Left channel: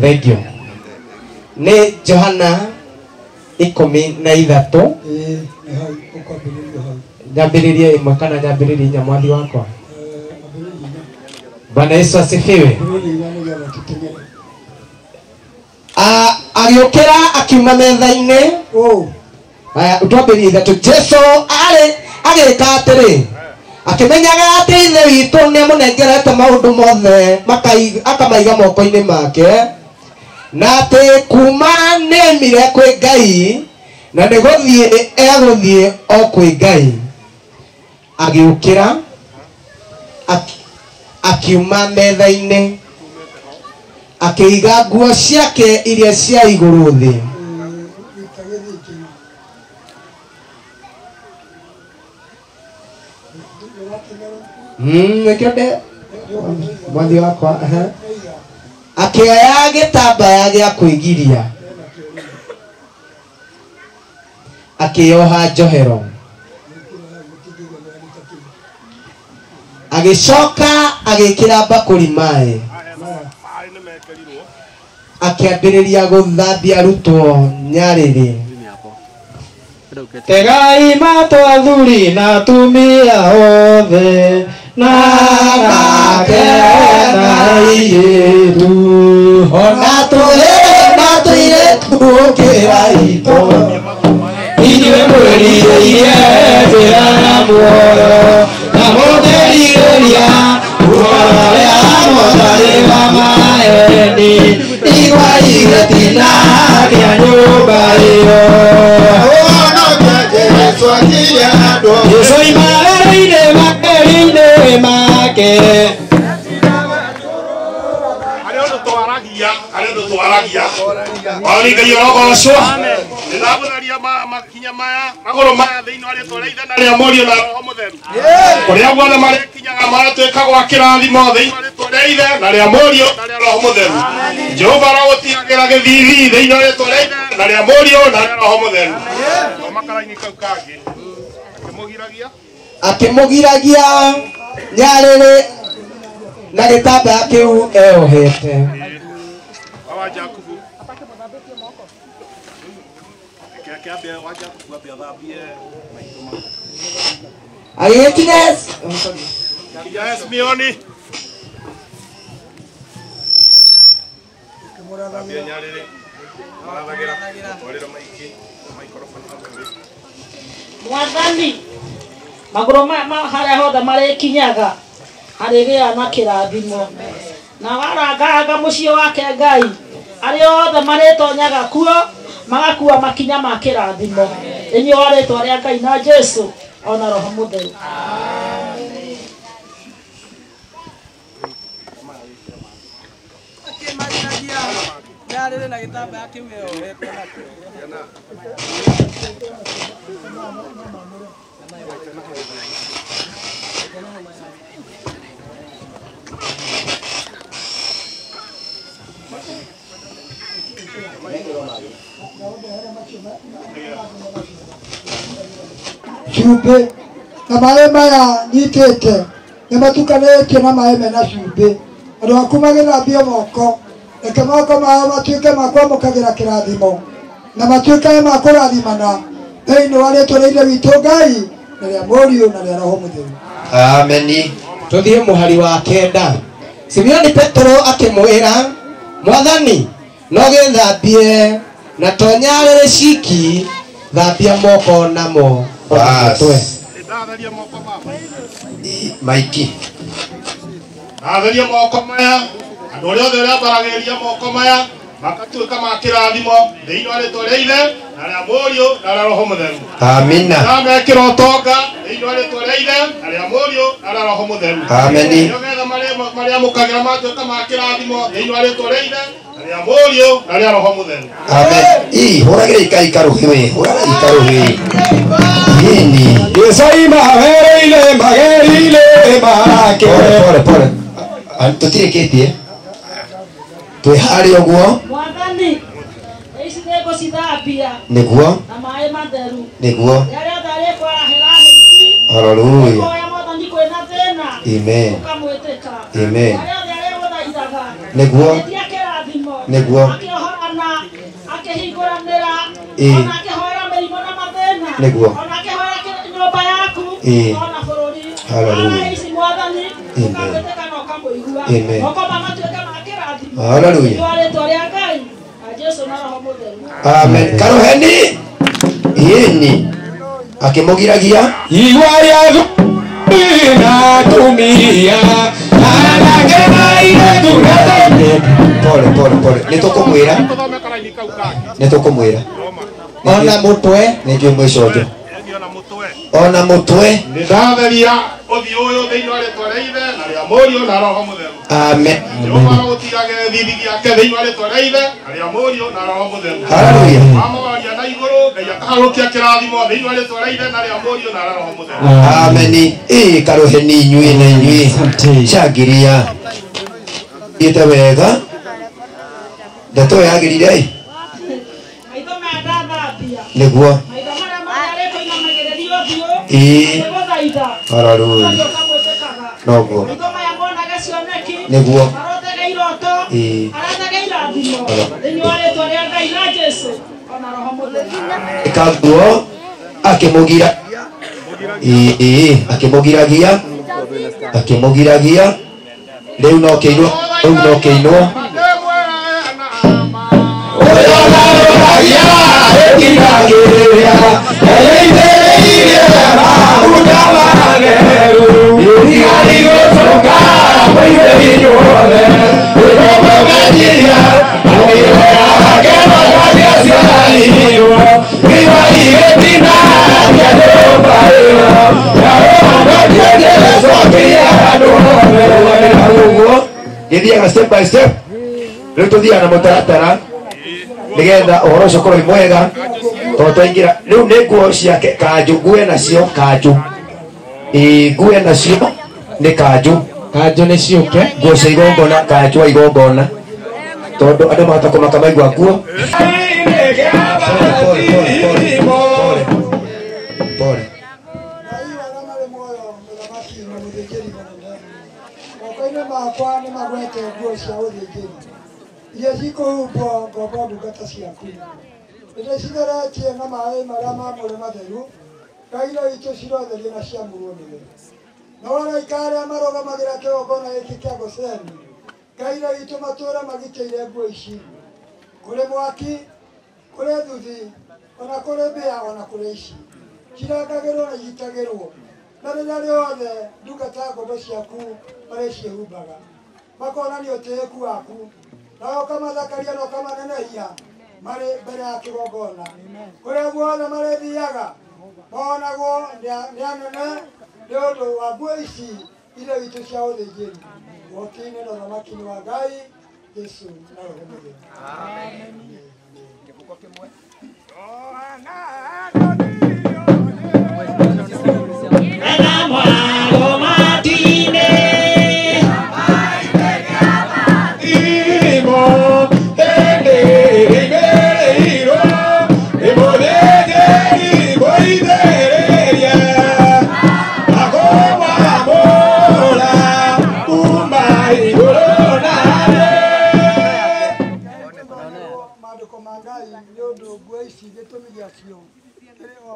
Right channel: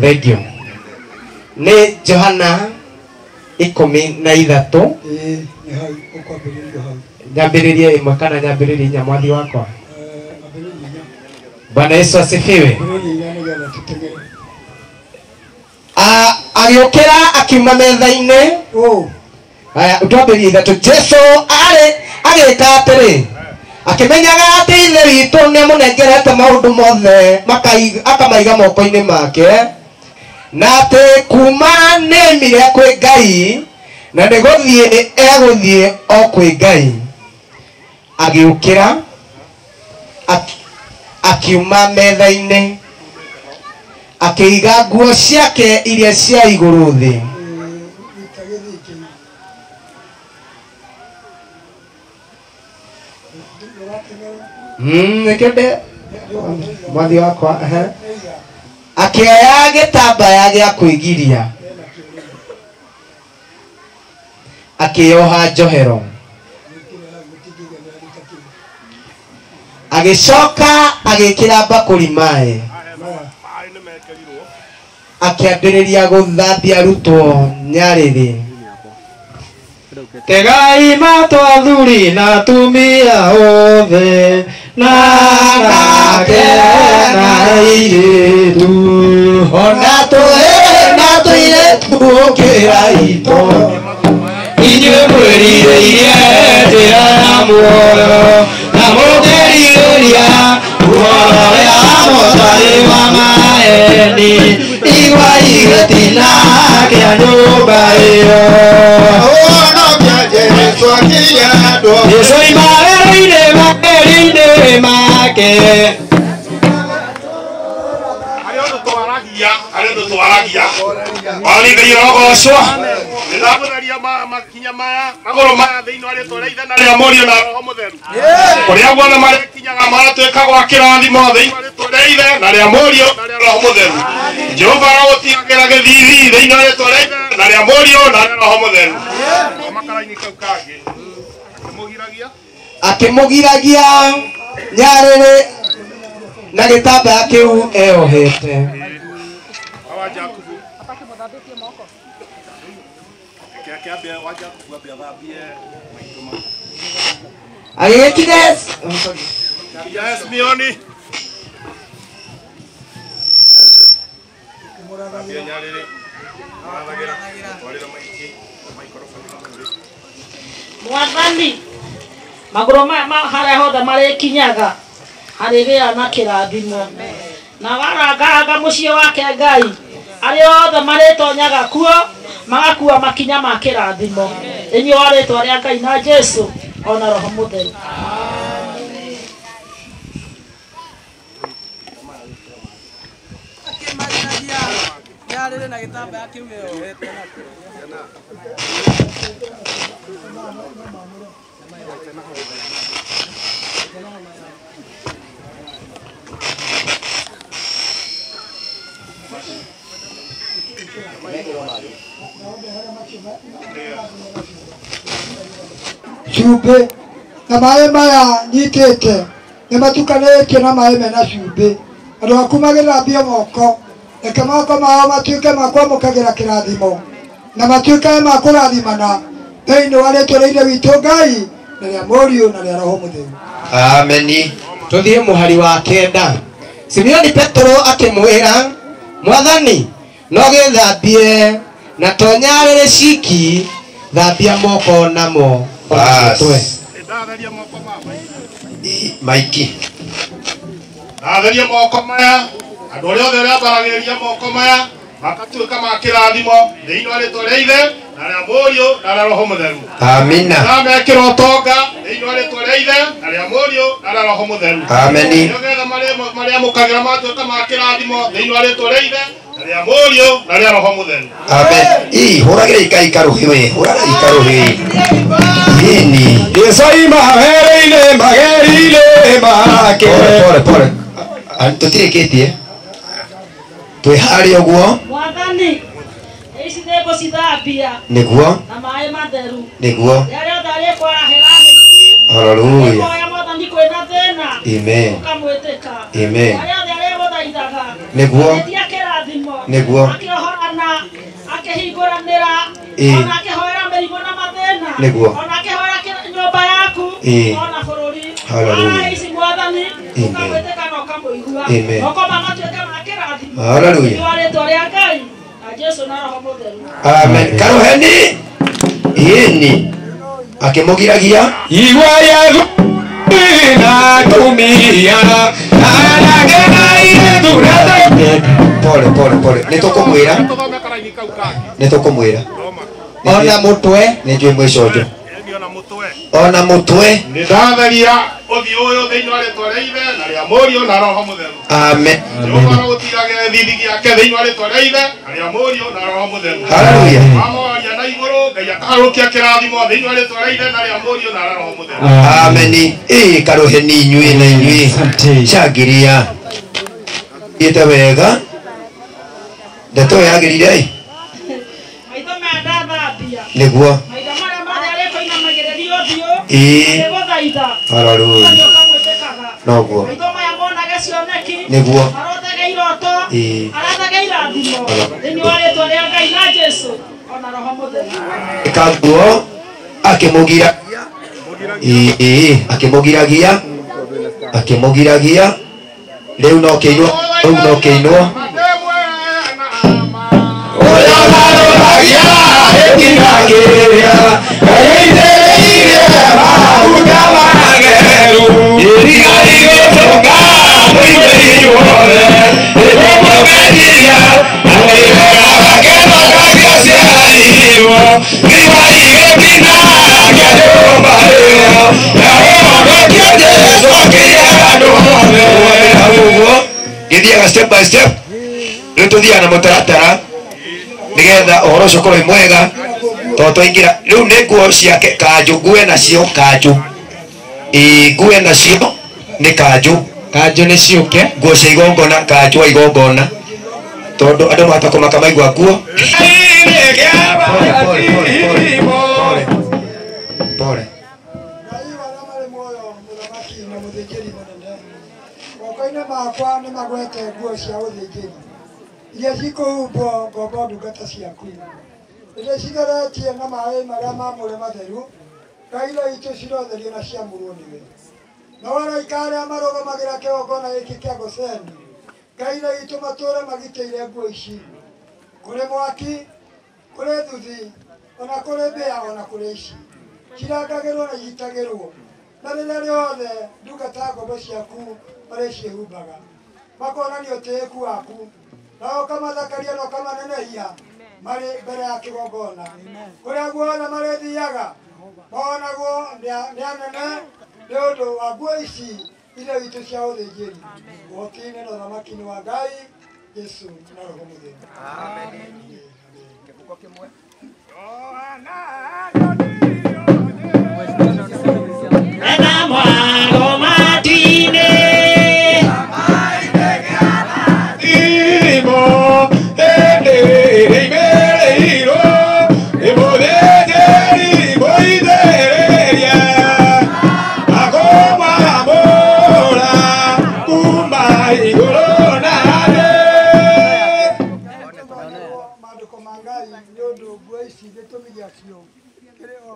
Thank you. Ni Johana 13. Nyambiririe imwe kana nyambiririe inya mwathi wakwa. Bwana Yesu asifiwe. Agiokera akiuma metha-inĩ. Aya utwambirie ithatũ. Jesu agĩka atĩrĩ, akĩmenyaga atĩ ithe witũ nĩamũnengerete maũndũ mothe akamaiga moko-inĩ make, na atĩ kuma nĩoimire kwĩ Ngai na nĩgũthiĩ egũthiĩ o kwĩ Ngai. Agĩũkĩra akiuma metha-inĩ, akĩiga nguo ciake iria cia igũrũ thĩ. Nekende mwathi wakwa akĩoya gĩtambaya gĩa kwĩgiria, akĩoha njohero, agĩcoka agĩkĩra mbakũri maĩ, akĩambĩrĩria gũthambia arutwo nyarĩrĩ. Tegai matũ athuri na atumia othe na anake na airĩtu, ona tũhĩĩ na tũirĩtu gũkĩra itũ, ithuĩ mwĩrirĩirie njĩra ya muoyo na mũkĩrirĩria guoya Mwathani wa maeni, igua igĩtina kĩa nyũmba ĩyo. Yesu imagereire makeri-inĩ make. Arĩo twaragia wani Ngai arogocwo. Nĩndagũtharia makinya maya magũrũ maya thĩinĩ wa rĩĩtwa rĩa Ithe na rĩa Mũriũ na Roho Mũtheru, ũrĩa guothe marĩkinyaga maratuĩka gwa kĩrathimo thĩinĩ wa rĩĩtwa rĩa Ithe na rĩa Mũriũ na rĩa Roho Mũtheru. Jehova arogũtigagĩra gĩthithi thĩinĩ wa rĩĩtwa rĩa Ithe na rĩa Mũriũ na rĩa Roho Mũtheru. Makara-inĩ kau kangĩ akĩmũgiragia nyarĩrĩ na gĩtambaya kĩu eohete. Agĩgĩkinya Simioni Mwathani magũrũ harĩa hothe marĩkinyaga harĩgĩa na kĩrathimo, na waranganga mũciĩ wake Ngai arĩa othe marĩtonyaga kuo magakua makinya ma kĩrathimo thĩinĩ wa rĩĩtwa rĩa Ngai na Jesu ona Roho Mũtheru. Nyarĩrĩ na gĩtambaya kĩu eohete cumbĩ na maĩ maya nyitĩte nĩ matukanĩtio na maĩ mena cumbĩ. Andũ aku magĩthambia moko, reke moko mao matuĩke ma kwamũkagĩra kĩrathimo na matuĩke ma kũrathimana thĩinĩ wa rĩĩtwa rĩa Ithe witũ Ngai na rĩa Mũriũ na rĩa Roho Mũtheru. Ameni. Tuthiĩ mũhari wa kenda. Simioni Petro akĩmwĩra, Mwathani, no gĩthambie na to nyarĩrĩ ciki, thambia moko namo. Ndatheria moko maiki. Ndatheria moko maya, andũ arĩa othe arĩa mbaragĩria moko maya makatuĩka ma kĩrathimo thĩinĩ wa rĩĩtwa rĩa Ithe na rĩa Mũriũ na rĩa Roho Mũtheru. Amina. Na mekĩra ũtonga thĩinĩ wa rĩĩtwa rĩa Ithe na rĩa Mũriũ na rĩa Roho Mũtheru. Ameni. Nĩgetha marĩamũkagĩra matuĩka ma kĩrathimo thĩinĩ wa rĩĩtwa rĩa Ithe na rĩa Mũriũ na rĩa Roho Mũtheru. Amen. Hũragĩra ikai karũhĩ we, hũragĩra ikarũhĩ. Nini. Yesu imagereire make. Pole. Tũtirĩkĩtie. Twĩ harĩa ũguo. Mwathani ici nĩngũ cithambia nĩguo na maĩ matheru nĩguo. Rĩrĩa ũtharĩ kwarahĩra thĩ. Hallelujah. Mwathani kwĩna thĩna. Amen. Ũkamwĩtĩka. Amen. Rĩrĩa ũtharĩ gũthaithaga Nĩguo. Nĩguo. Akĩhorana, akĩhingũranĩra, Ĩĩ. ona akĩhoera mĩrimũ na mathĩna. Nĩguo. Ona akĩhoera nyũmba yaku, Ĩĩ. ona bũrũri. Hallelujah. Ona ici Mwathani, Amen. ũkamwĩtĩka na ũkamũigua. Amen. Moko magatuĩka ma kĩrathimo. Hallelujah. Nĩ rĩĩtwa rĩa Ngai, na Jesũ na Roho Mũtheru. Amen. Karoheni. Yeni. Akimugiragia. Iwaya na tumia. Ayalagena yetu Pole. Nitukumwira. Tuthome karaini kau kake. Nitukumwira. Roma. Ona mutwe nĩnjũĩ mwicojo. Ni ona mutwe. Ona mutwe. Nĩndatheria ũthiũ ũyũ thĩinĩ wa rĩĩtwa rĩa Ithe na rĩa Mũriũ na Roho Mũtheru. Amen. Jehova arogutigage thithi gĩake thĩinĩ wa rĩĩtwa rĩa Ithe na rĩa Mũriũ na Roho Mũtheru. Hallelujah. Mamoria na igũrũ Ngai akaharũkia kĩrathimo thĩinĩ wa rĩĩtwa rĩa Ithe na rĩa Mũriũ na Roho Mũtheru. Amen. Karoheni inyuĩ na inyuĩ. Changiria. Ite wega. Ndeto yagĩrire ai. Maitho maya ndathambia. Nĩguo. Maitho marĩa mararĩtwo inamagĩrĩrio ũthiũ. Ĩĩ. Nĩgũthaitha. Hallelujah. Ũthiũ ũkamwĩtĩkaga. Noguo. Maitho maya monage cioneki. Nĩguo. Arotege iroto. Ĩĩ. Aratege irathimo. Thĩinĩ wa rĩĩtwa rĩa Ngai na Jesũ ona Roho Mũtheru. Kaguo akimugira. Akimugiragia. Rĩu no kĩinwo. Githiaga step by step. Rĩu tuthiaga na mũtaratara nigetha ũhoro ũcio ũkorwo mwega tondũ twaingĩra rĩu nĩ nguo ciake kanjũ ngue nacio kanjũ ngue nacio nĩ kanjũ nĩ ciũke. nguo cia igongona kanjũ wa igongona tondũ andũ mahota kũmaka maigua nguo. Pole. Moko-inĩ makwa nĩ magwete nguo cia ũthĩnjĩri iria cikũhumbwo ngombo ndungata ciaku. Nĩndĩcitheretie na maĩ marĩa mamũre matheru, ngaira itũ cirotherio na ciamũrwo nĩwe. No araika arĩa marũgamagĩra kĩgongona gĩkĩ kĩa Goseni, ngaira itũ matũũre magitĩire nguo ici kũrĩ mwaki, kũrĩ thuthi, ona kũrĩ mbĩa, ona kũrĩ ici cirangagĩrwo na igitagĩrwo. Na rĩrĩa rĩothe ndungata ngombo ciaku marĩciĩhumbaga makonania ũtĩĩku waku, na ũkamathakaria na ũkamanenehia marĩ mbere ya kĩgongona. Kũrĩa guothe marĩthiaga monagwo nĩ anene nĩ ũndũ wa nguo ici iria itũ cia ũthĩnjĩri. Ũhoti-inĩ na ũthamaki-inĩ wa Ngai Jesũ na Roho Mũtheru. Amen.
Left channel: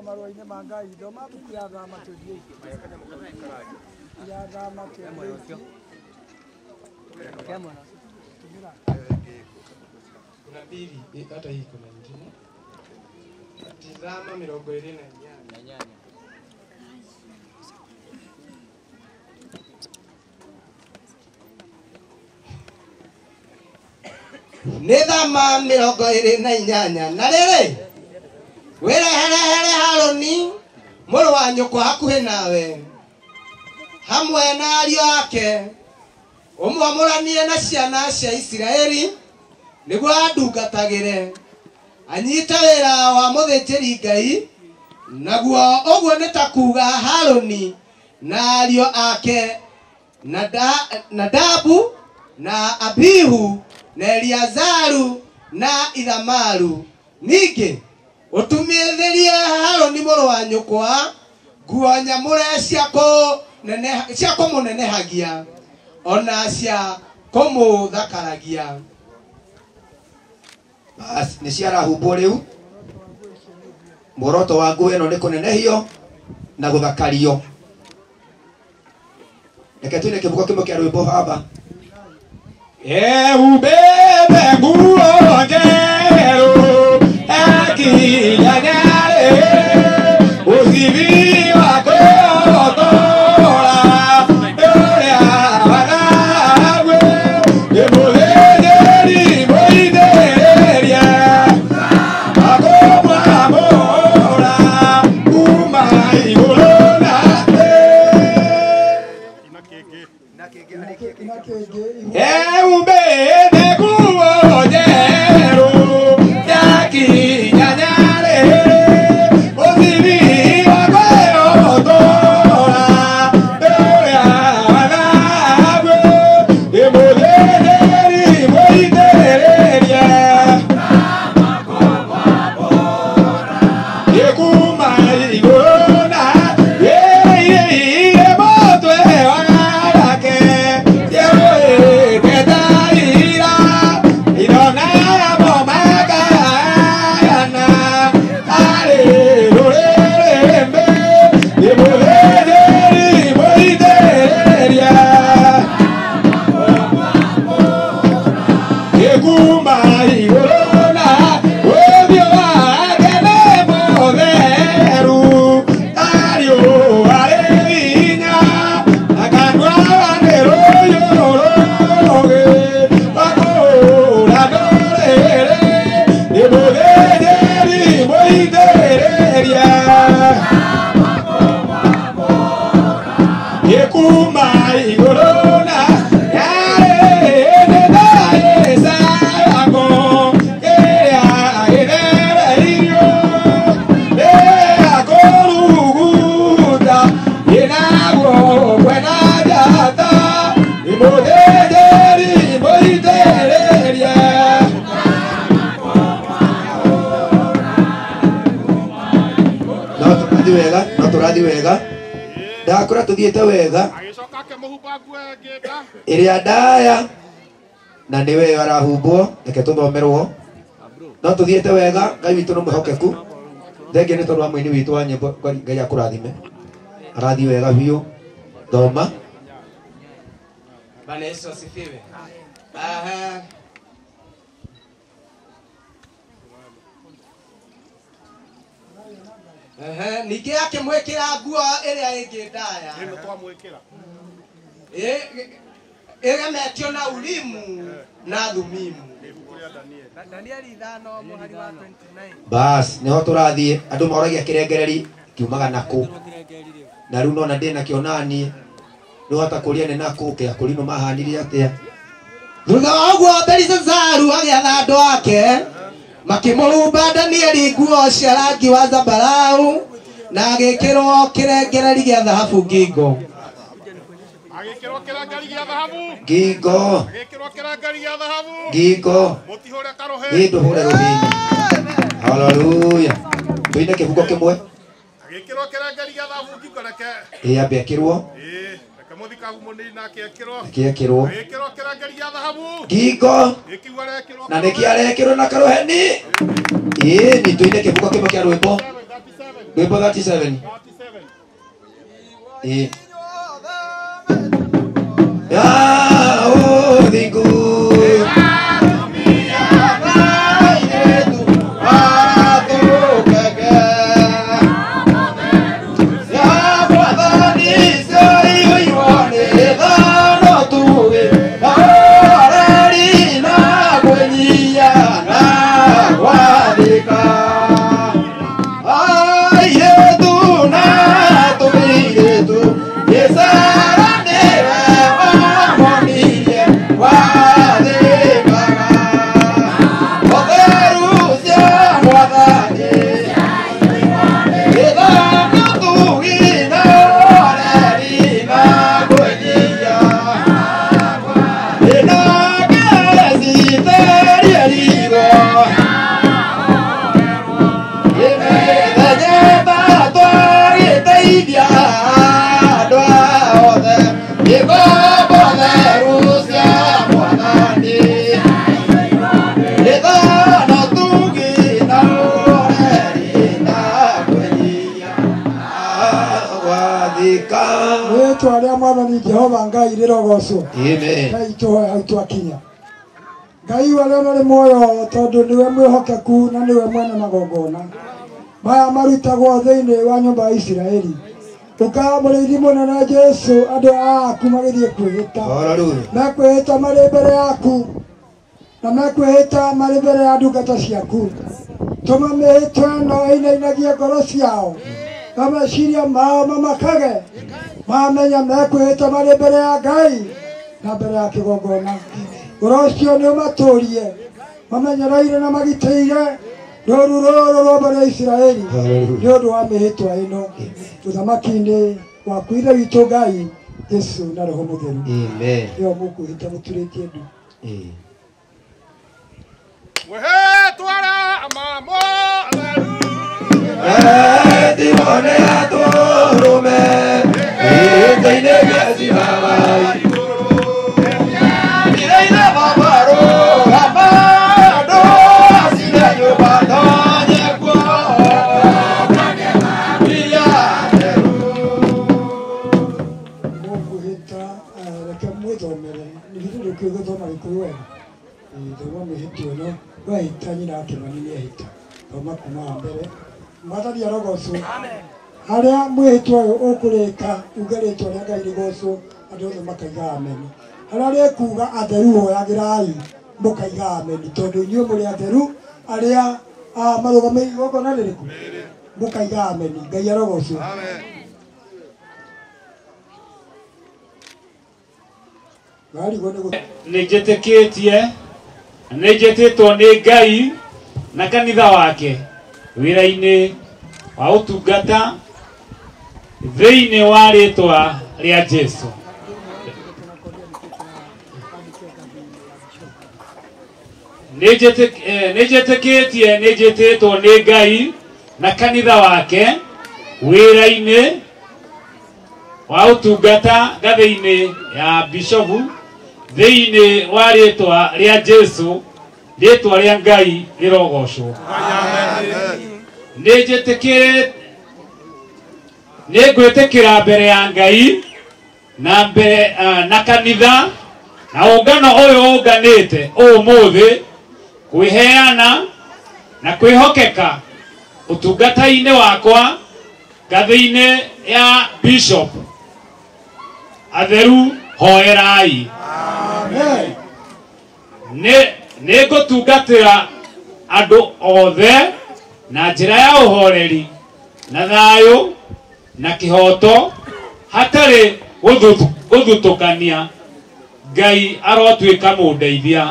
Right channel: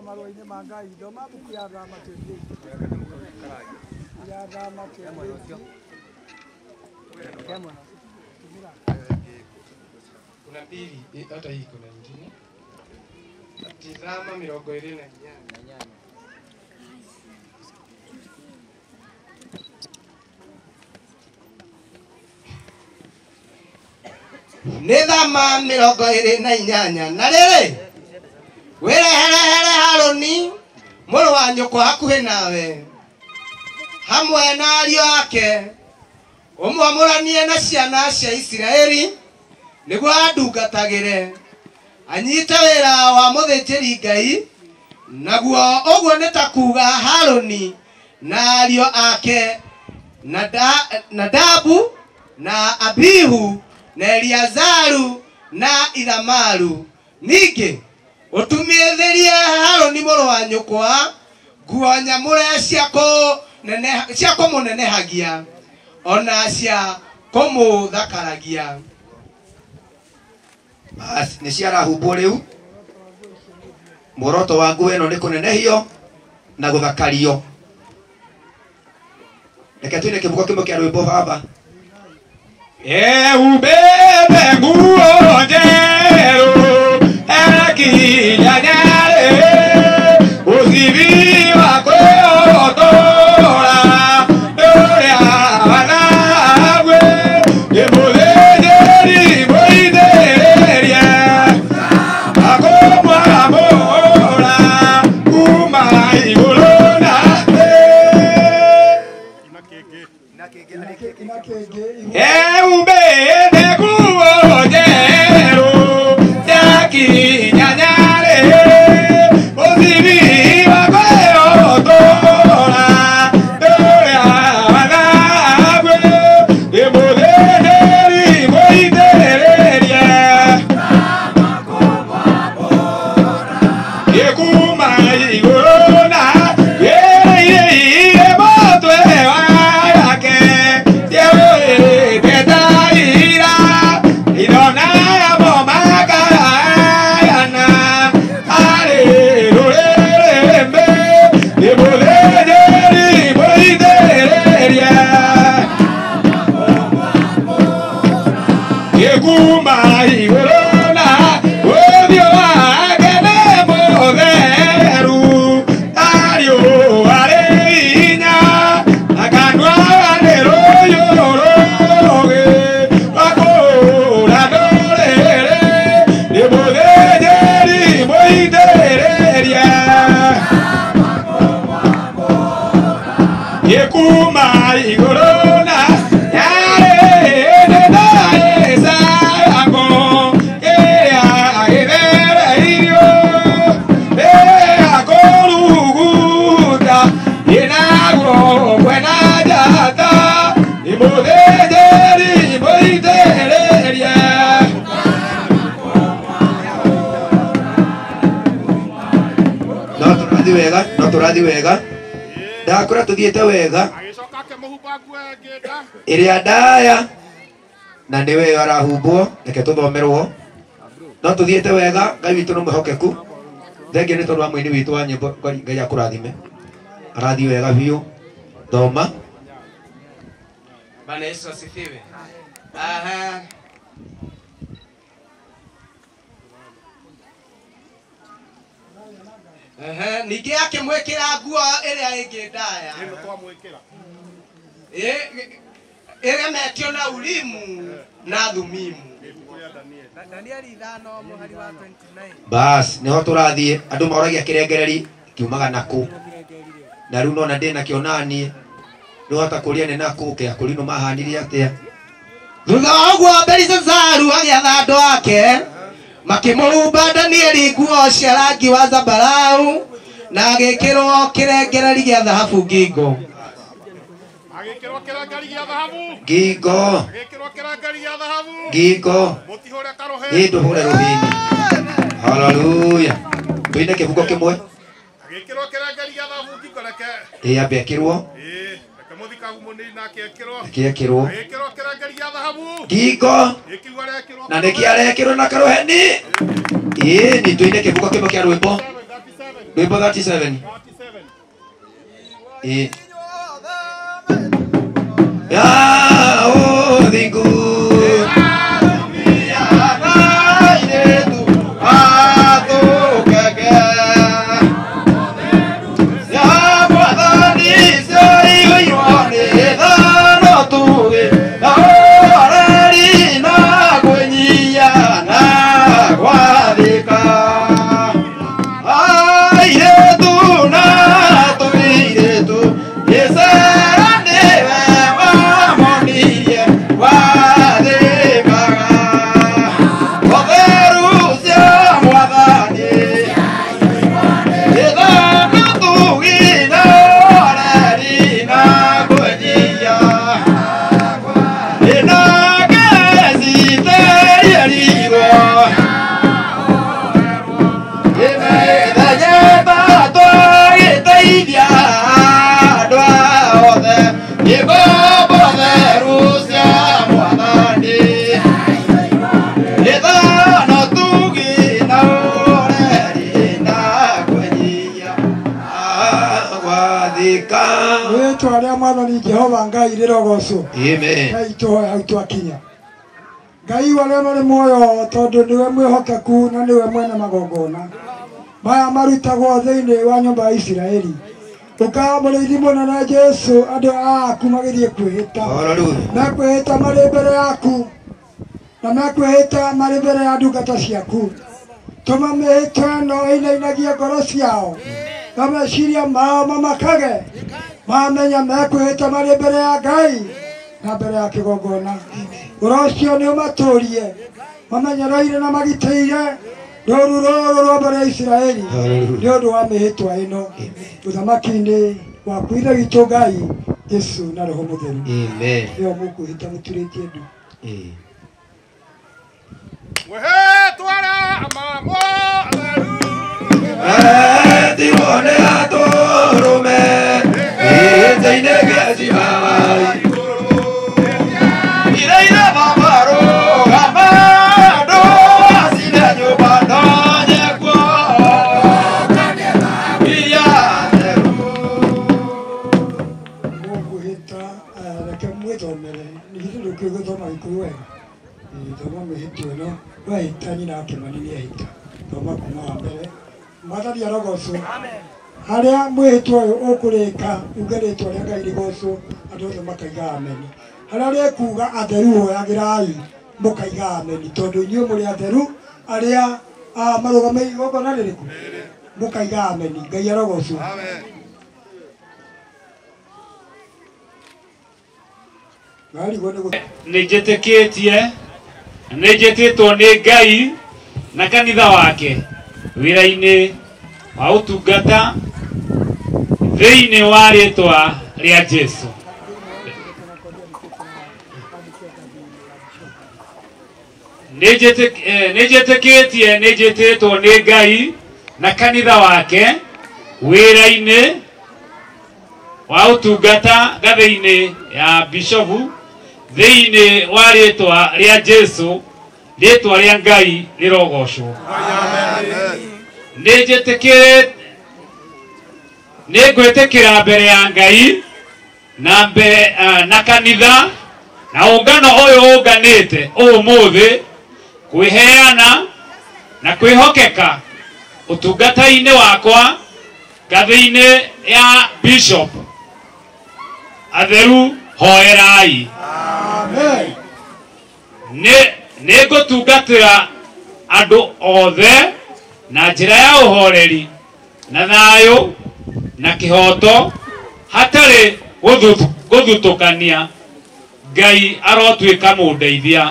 Marũa-inĩ ma Ngai thoma buku ya Thama 28 ya Thama 28 kuna mbili hata hii kuna nyingine. Tazama 28. Nĩ Thama 28 na rĩrĩ wĩrehere Harũni mũrũ wa nyũkwa hakuhĩ nawe hamwe na ariũ ake ũmwamũranie na ciana cia Isiraeli nĩguo andungatagĩre anyite wĩra wa mũthĩnjĩri Ngai. Naguo ũguo nĩ ta kuuga Harũni na ariũ ake Nadabu na Abihu na Eliazaru na Ithamaru. Ningĩ ũtumithĩrie Harũni mũrũ wa nyũkwa nguo nyamũre cia kũmũnenehagia ona cia kũmũthakaragia. Basi nĩ ciarahumbwo rĩu. Muoroto wa nguo ĩno nĩ kũnenehio na gũthakario. Reke tuine kĩbugo kĩmwe kĩa rwĩmbo baba. Eubebe nguo njerũ akinyanyare ũthithi wa kwĩhotora ũrĩa wanagwe gĩmũthĩnjĩri mũithĩrĩria akomwamũra kuma igũrũ na thĩ. Eubebe nguo njerũ akinyanyare ũthithi wa kwĩhotora ũrĩa wanagwe gĩmũthĩnjĩri mũithĩrĩria gĩkuma igũrũ na gĩire mũtwe wake gĩtetaira irona yamo makayana arĩ rũrĩrĩmbĩ gĩmũthĩnjĩri mũithĩrĩria gĩkuma igũrũ na ũthiũ wake nĩ mũtheru ariũa rĩ hinya na kanua nĩ rũiyũ rũgĩ rwakũra ndũrĩrĩ nĩ mũthĩnjĩri mũithĩrĩria gĩkuma igũrũ na yarĩ nĩ ndagĩcayagwo kĩrĩa gĩthereirio akũruguta gĩnagwo kwena njata nĩ mũthĩnjĩri mũithĩrĩria. No tũrathi wega. Ndakora tũthiĩte wega. Agĩcoka akĩmũhumba nguo ĩngĩ nda. Ĩrĩa ndaya na nĩwe arahumbwo. Reke tũthomerwo. No tũthiĩte wega. Ngai witũ nĩ mwĩhokeku. Thengia nĩ tondũ wa mũini witũ wa nyĩmbo. Ngai akũrathime. Arathi wega biũ. Thoma. Bwana Yesu asifiwe. Aha. Ningĩ akĩmwĩkĩra nguo ĩrĩa ĩngĩ ndaya Ĩno twamwĩkĩra. ĩgemetio na Urimu na Thumimu. Ibuku rĩa Danieli. Danieli 5 mũhari wa 29. Bas nĩho tũrathiĩ. Andũ moragia kĩrengereri kiumaga nakũ. Na rĩu nona ndĩnakĩo naniĩ. Nĩhota kũria nĩ nakũ kĩa kũrinũ mahanire atĩa. Thutha wa ũguo Belisazaru agĩatha andũ ake makĩmũhumba Danieli nguo cia rangi wa zambarau na agĩkĩrwo kĩrengereri gĩa thahabu ngingo. Agĩkĩrwo kĩrangari gĩa thahabu. Ngingo. Agĩkĩrwo kĩrangari gĩa thahabu. Ngingo. Mũtihũre karũhĩ. Ndũhũre rũhĩ-inĩ. Haleluya. Tũine kĩbugo kĩmwe. Agĩkĩrwo kĩrangari gĩa thahabu ngingo reke. Ambe akĩrwo. Reke mũthikabu mũnini nake ekĩrwo. Akĩekĩrwo. Agĩkĩrwo kĩrangari gĩa thahabu. Ngingo. Gĩkiuga rekĩrwo. Na nĩkĩarekĩrwo na karũheni. Nĩ tũine kĩbugo kĩmwe kĩa rwĩmbo. Rwĩmbo 37. Thingu. Yes, I arogocwo Amen. Ngai tũhoya hau twakinya Ngai warĩa marĩ muoyo tondũ nĩwe mwĩhokeku na nĩwe mwene magongona maya marutagwo thĩinĩ wa nyũmba ya Isiraeli ũkaga mũrĩithi mũnene Jesu andũ aku magĩthiĩ kwĩhĩta mekwĩhĩta marĩ mbere yaku na mekwĩhĩta marĩ mbere ya ndungata ciaku tũma mĩhĩtwa ĩno ĩinainagie ngoro ciao na meciria mao mamakage mamenya mekwĩhĩta marĩ mbere ya Ngai na mbere ya kĩgongona ũhoro ũcio nĩũmatũrie mamenyereire na magitĩire rũũru rũrũ rwa mbere ya Isiraeli nĩ ũndũ wa mĩhĩtwa ĩno ũthamaki-inĩ waku ithe witũ Ngai Jesu na Roho Mũtheru ĩyo mũkwĩhĩta mũturĩtie ndu Mwĩhĩtwa mamo atheru Tirone atũrũme gĩtĩ-inĩ gĩa ciira wa igũrũ iraire mabarũ amandũ acine nyũmba tonye kuonanie makiria theru mũkwĩhĩta reke mwĩthomere nĩgithĩ ndũkwĩgũthoma Gĩkũyũ wega thoma mĩhĩtwa ĩno wahĩta nyina wa Kĩmani nĩahĩta thoma kuma wa mbere Mwathani arogocwo harĩa mwĩhĩtwa ũyũ ũkũrĩka uge rĩtwa rĩa Ngai rĩgocwo andũ othe makaiga ameni harĩa rĩkuga atheru hoyagĩrai mũkaiga ameni tondũ inyuĩ mũrĩ atheru arĩa marũgamĩrĩire igongona rĩrĩkũ mũkaiga ameni Ngai arogocwo nĩnjĩtĩtwo nĩ Ngai na kanitha wake wĩra-inĩ wa ũtungata thĩinĩ wa rĩtwa rĩa Jesu nĩnjĩtĩtwo nĩ Ngai na kanitha wake wĩra-inĩ wa ũtungata ngathĩ-inĩ ya bishopu thĩinĩ wa rĩtwa rĩa Jesu rĩtwa rĩa Ngai rĩrogocwo nĩngwĩtĩkĩra mbere ya Ngai na kanitha na ũngano ũyũ ũnganĩte ũmũthĩ kwĩheana na kwĩhokeka ũtungata-inĩ wakwa ngathĩ-inĩ ya bishop atheru hoerai nĩngũtungatĩra andũ othe na njĩra ya ũhoreri na thayũ na kĩhoto hatarĩ gũthutũkania Ngai arotuĩka mũndeithia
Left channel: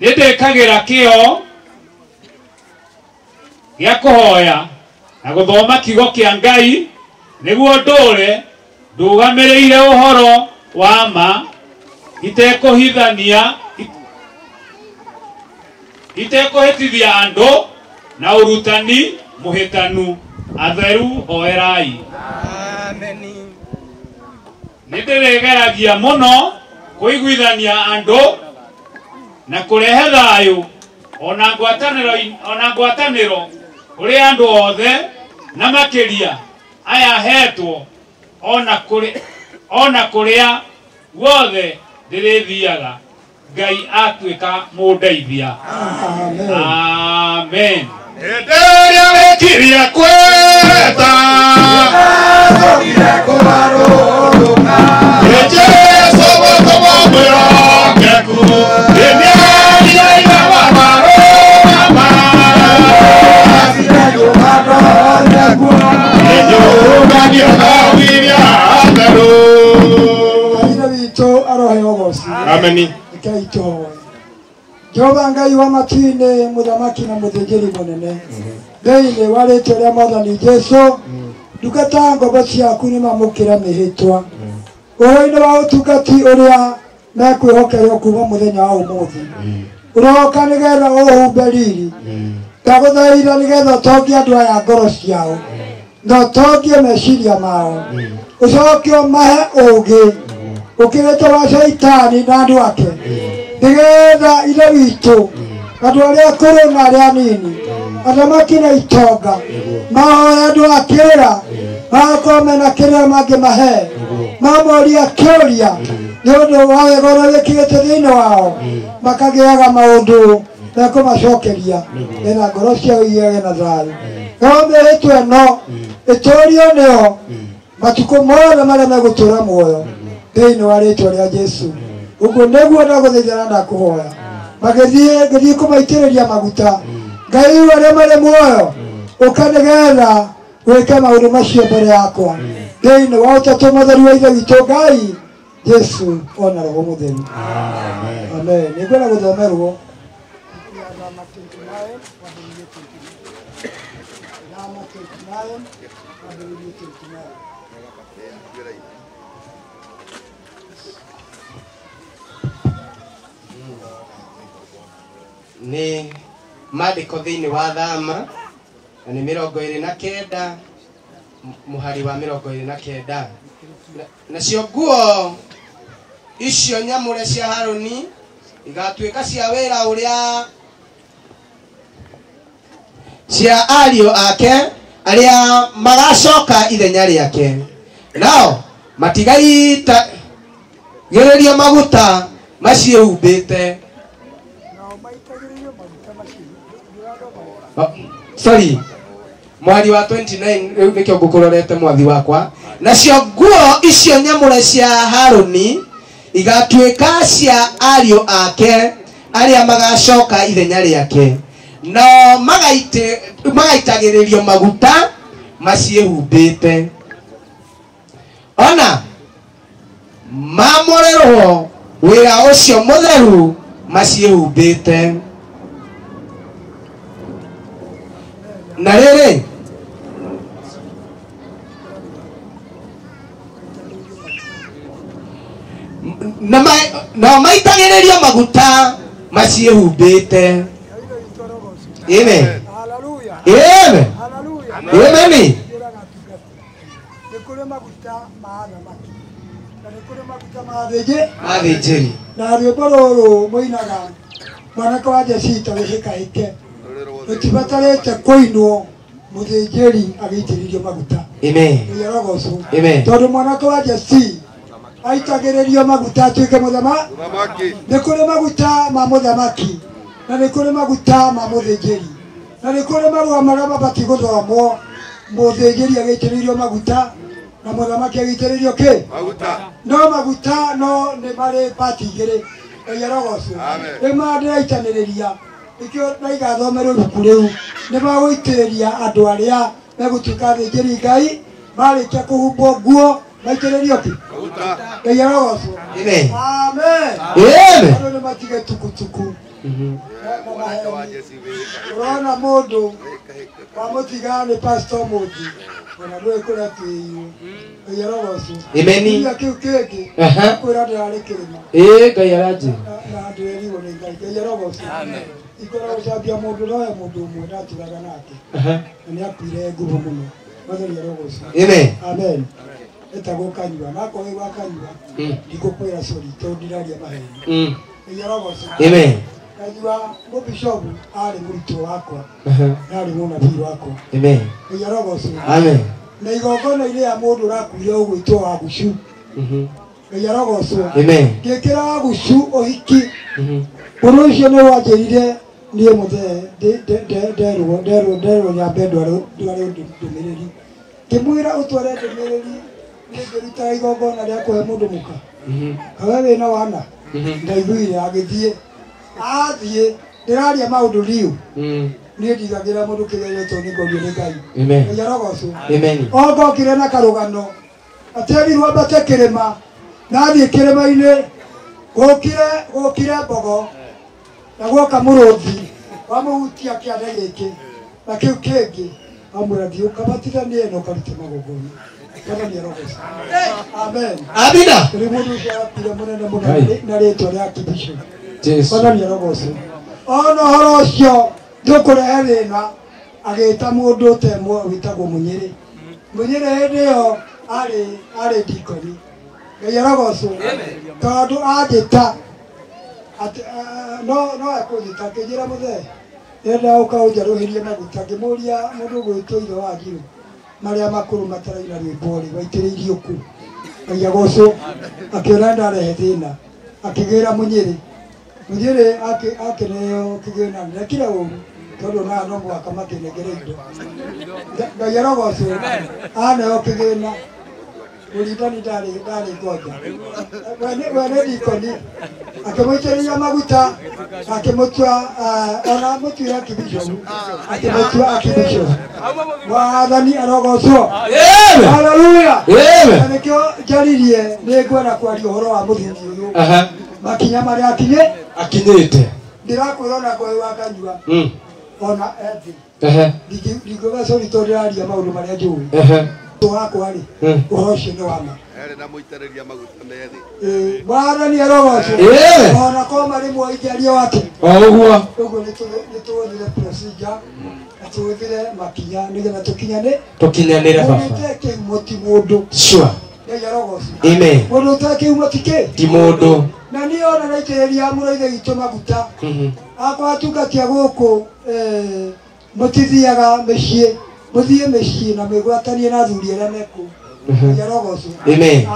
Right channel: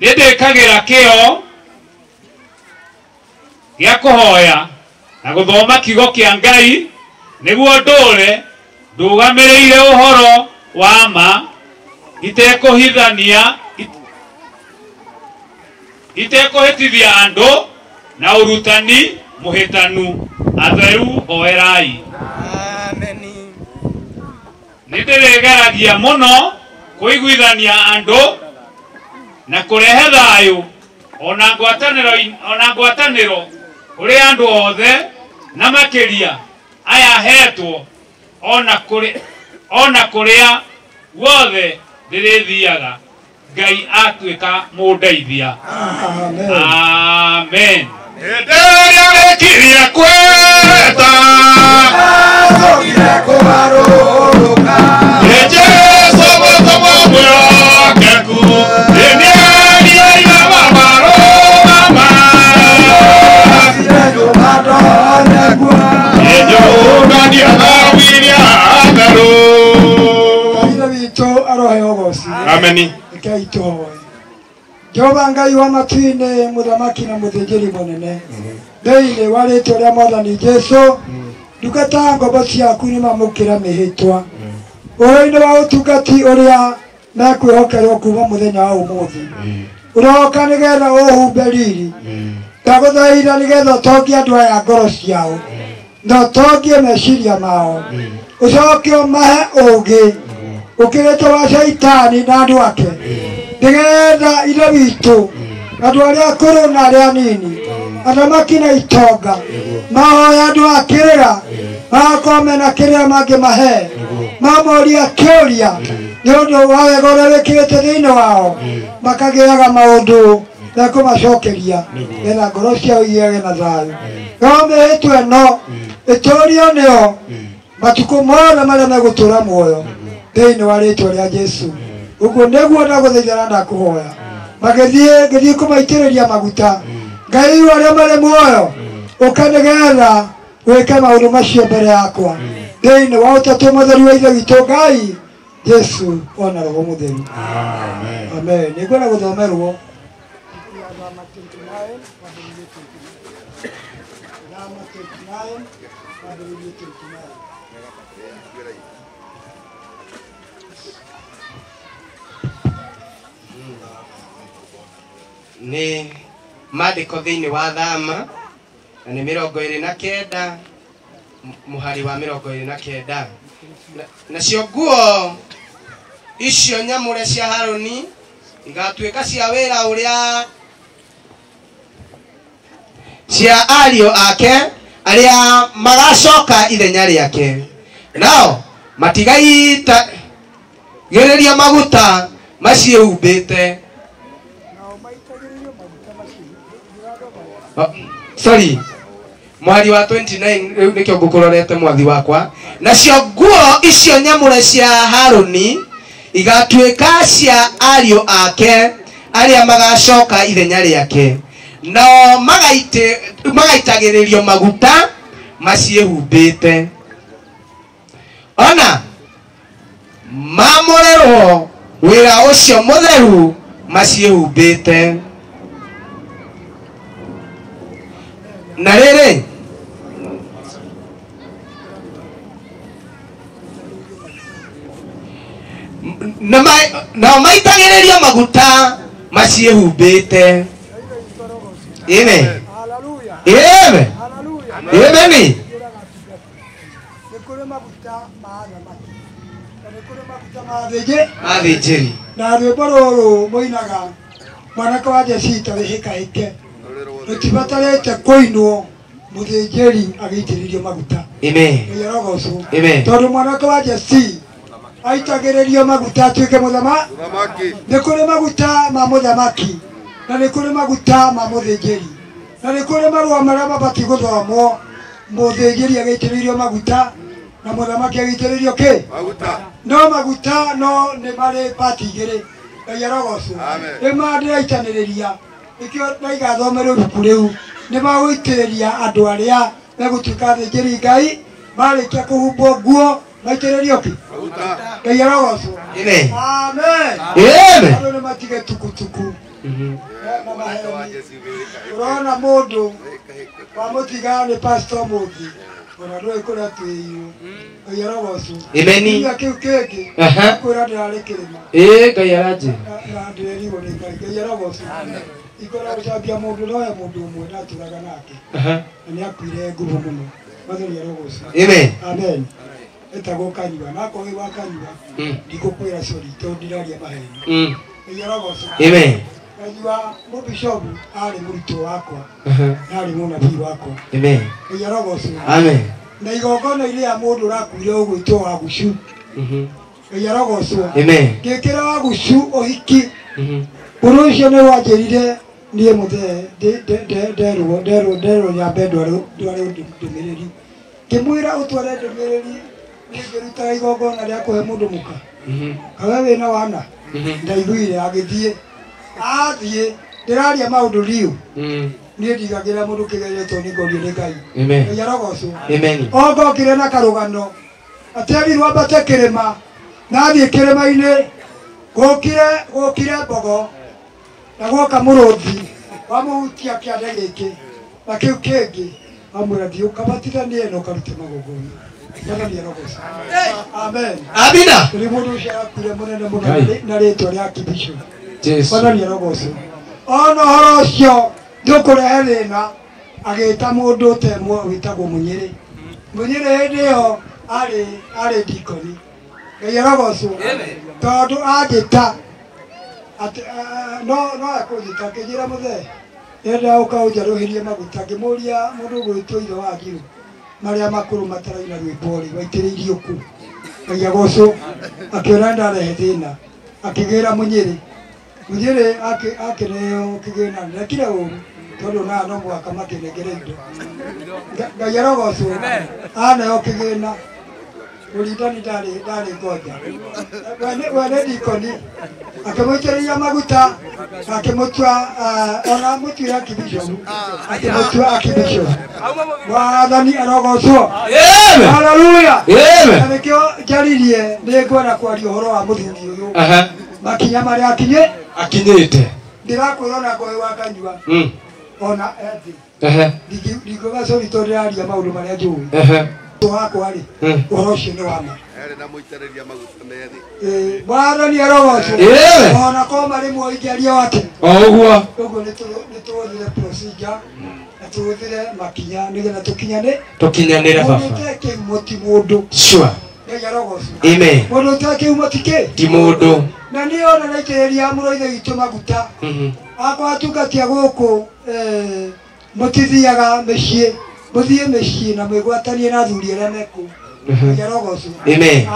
nĩndĩkagĩra kĩo gĩa kũhoya na gũthoma kiugo kĩa Ngai nĩguo ndũre ndũgamĩrĩire ũhoro wa ma itekũhĩtithia andũ na ũrutani mũhĩtanu atheru hoerai nĩndĩrĩgeragia mũno kũiguithania andũ na kũrehe thayũ ona ngwatanĩro kũrĩ andũ othe na makĩria aya hetwo ona kũrĩa guothe ndĩrĩthiaga Ngai atuĩka mũndeithia amen Enderia rekiria kweta Sogire kũgarũrũka Jesu mũtũmwo mwĩhokeku Enderia ina mabarũ acine nyũmba tonye kuonanie Enyũngania thawiria atheru Ngai witũ arohe ũgoci Ameni Rekei tũhoe Jehova Ngai wa matu-inĩ mũthamaki na mũthĩnjĩri mũnene thĩinĩ wa rĩtwa rĩa Mwathani Jesu ndungata ngombo ciaku nĩmamũkĩra mĩhĩtwa ũhoro-inĩ wa ũtungati ũrĩa mekwĩhokerwo kuma mũthenya wa ũmũthĩ ũroka nĩgetha ũhumbe riri ndagũthaitha nĩgetha ũtongie andũ aya ngoro ciao na ũtongie meciria mao ũcoke ũmahe ũũgĩ ũkĩrĩte wa Shaitani na andũ ake nĩgetha ithe witũ andũ arĩa akũrũ na arĩa anini athamaki na itonga mahoya andũ a kĩrĩra makome na kiria mangimahe mamoria kĩũria nĩ ũndũ wa wega ũrĩa wĩkĩrĩte thĩinĩ wao makagĩaga maũndũ mekũmacokeria getha ngoro ciao igĩage na thayũ. No mĩhĩtwa ĩno ĩtũũrio nĩo matukũ mothe marĩa megũtũũra muoyo thĩinĩ wa rĩĩtwa rĩa Jesũ. Ũguo nĩguo ndagũthaithana na kũhoya ngĩthiĩ kũmaitĩrĩria maguta Ngai arĩa marĩ muoyo ũka nĩgetha wĩke maũndũ macio mbere yakwa thĩinĩ wa ũtatũ mũtheru wa Ithe witũ Ngai Jesũ ona Roho Mũtheru. Amen. Nĩngwenda gũthomerwo nĩ maandĩko thĩinĩ wa Thama na nĩ 29 mũhari wa 29. Nacio nguo icio nyamũre cia Harũni igatuĩka cia wĩra ũrĩa cia ariũ ake arĩa magacoka ithenya rĩake, nao matigaitagĩrĩria maguta maciĩhumbĩte. Sorry, mwari wa 29 rĩu nĩkĩo ngũkũrorete mwathi wakwa. Nacio nguo icio nyamũre cia Harũni igatuĩka cia ariũ ake arĩa magacoka ithenya rĩake, no magaitagĩrĩrio maguta maciĩhumbĩte. Ona mamũrerwo wĩra ũcio mũtheru maciĩhumbĩte. Na rĩrĩ na maitagĩrĩrio maguta maciĩhumbĩte. Amen. Hallelujah. Amen. Hallelujah. Amen. Nĩ kũrĩ maguta ma thamaki na nĩ kũrĩ maguta ma athĩnjĩri. Na rwĩmbo rũrũ mũinaga mwanake wa Jesũ tarĩhĩkahĩke rũtibatarĩte kũinwo mũthĩnjĩri agĩitĩrĩrio maguta. Amen. Amen. Tondũ mwanake wa Jesũ aitagĩrĩrio maguta atuĩke mũthamaki. Nĩ kũrĩ maguta ma mũthamaki na nĩ kũrĩ maguta ma mũthĩnjĩri na nĩ kũrĩ marũa marĩa mabatiĩ gũthomwo mũthĩnjĩri agĩitĩrĩrio maguta na mũthamaki agĩitĩrĩrio kĩ maguta. No maguta no nĩ marĩ pati igĩrĩ. Ngai arogocwo. Nĩ mandĩraitanĩrĩria nĩkĩo ndaigathomerwo ibuku rĩu nĩ magũitĩrĩria andũ arĩa megũtuĩka athĩnjĩri Ngai marĩkia kũhumbwo nguo maitĩrĩrio kĩ maguta. Ngai arogocwo. Amen. Amen. Andũ nĩ matige tukutuku. Urona mũndũ wamũtiga nĩ pastor mũndũ ona ndũĩ kũrĩa twĩirwo. Ngai arogocwo. Amen. Kĩu kĩngĩ kwĩra ndĩrarĩ kĩrĩma. Ngai aranjĩra na ndĩrerirwo nĩ Ngai. Ngai arogocwo. Ikora gũcambia mũndũ noya mũndũ ũmwe ndatũraga nake na nĩ akuire ngumo mũno. Mwathani arogocwo. Amen. Amen. Etagwo Kanyua na akorwo gwa Kanyua ndikũkwĩra cori tondũ ndiraria maheni. Ngai arogocwo. Amen. Kanyua mũbishopu arĩ mũrutwo wakwa na arĩ mũnabii wakwa. Amen. Ngai arogocwo. Amen. Na igongona-inĩ ya mũndũ ũrakuire ũgwĩtwo Wagucu. Ngai arogocwo. Amen. Ngĩkĩra Wagucu ũhiki ũndũ ũcio nĩ wanjĩrire niĩ mũthee nderwo nyambe ndware ndũmĩrĩri ngĩmwĩra ũtware ndũmĩrĩri niĩ ngĩrutaga igongona rĩa kũhe mũndũ mũka kawe wĩna wana ndaiguire agĩthiĩ athiĩ ndĩraria maũndũ riũ niĩ ndigagĩra mũndũ kĩgeretwo nĩ ngorio nĩ Ngai. Ngai arogocwo. Ongokire na karũgano aterirwo ambate kĩrĩma na athiĩ kĩrĩma-inĩ gũkire mbogo na guoka mũrũthi wamũhutia kĩande gĩkĩ na kĩu kĩngĩ wamwĩra thiĩ ũkabatithanie na ũkarute magongona. Mwathani arogocwo. Amen. Amina. Kũrĩ mũndũ ũcio akuire mũnene mũno na rĩĩtwa rĩa Kibisho. Mwathani arogocwo. Ona ũhoro ũcio ndũkũrehe thĩna agĩĩta mũndũ temwo wĩtagwo Mũnyĩrĩ. Mũnyĩrĩ hĩndĩ ĩyo arĩ ndikoni. Ngai arogocwo. Tondũ anjĩta no ekũnjĩta ngĩnjĩra mũthee nyendaga ũka ũnjarũhĩrie maguta ngĩmũria mũndũ ũgwĩtwo ithe wa Ngirũ maria makuru mataraina rwĩmbori waitĩrĩirio ku Ngai agocwo akĩona ndarehe thĩna akĩgĩra Mũnyĩrĩ akĩneo kĩgĩna ndekire ũru tondũ na no mwaka makĩnengere indo Ngai arogocwo aneo kĩgĩna ũrindani ndarĩ ngoja wene ndikoni akĩmũitĩrĩria maguta akĩmũtua ona mũtuĩra akĩbishop akĩmũtua akĩbishop wathani arogocwo haleluya nĩkĩo njaririe nĩngwenda kwaria ũhoro wa mũthuri ũyũ makinya marĩa akinyĩte ndĩrakwĩra ona ngoĩ wa kanyua ona ethi ndingĩga sorry tondũ ndĩraria maũndũ marĩa njũĩ wakwa rĩ ũhoro ũcio nĩ wama na mũitĩrĩria maguta methi mwathani arogocwo ona koma rĩmwe ingĩaria atĩ ũguo nĩtũhũthĩre procedure na tũhũthĩre makinya nĩgetha tũkinyanĩre baba ũtekĩhumo ti mũndũ sure Ngai arogocwo amen mũndũ ũtekĩhumo ti mũndũ na nĩ ona naitĩrĩria mũrũithe witũ maguta akwa atungatia gũkũ mũtithiaga mĩciĩ mũthiĩ mĩciĩ na mwĩgwatanie na athuri arĩa mekũ Ngai arogocwo amen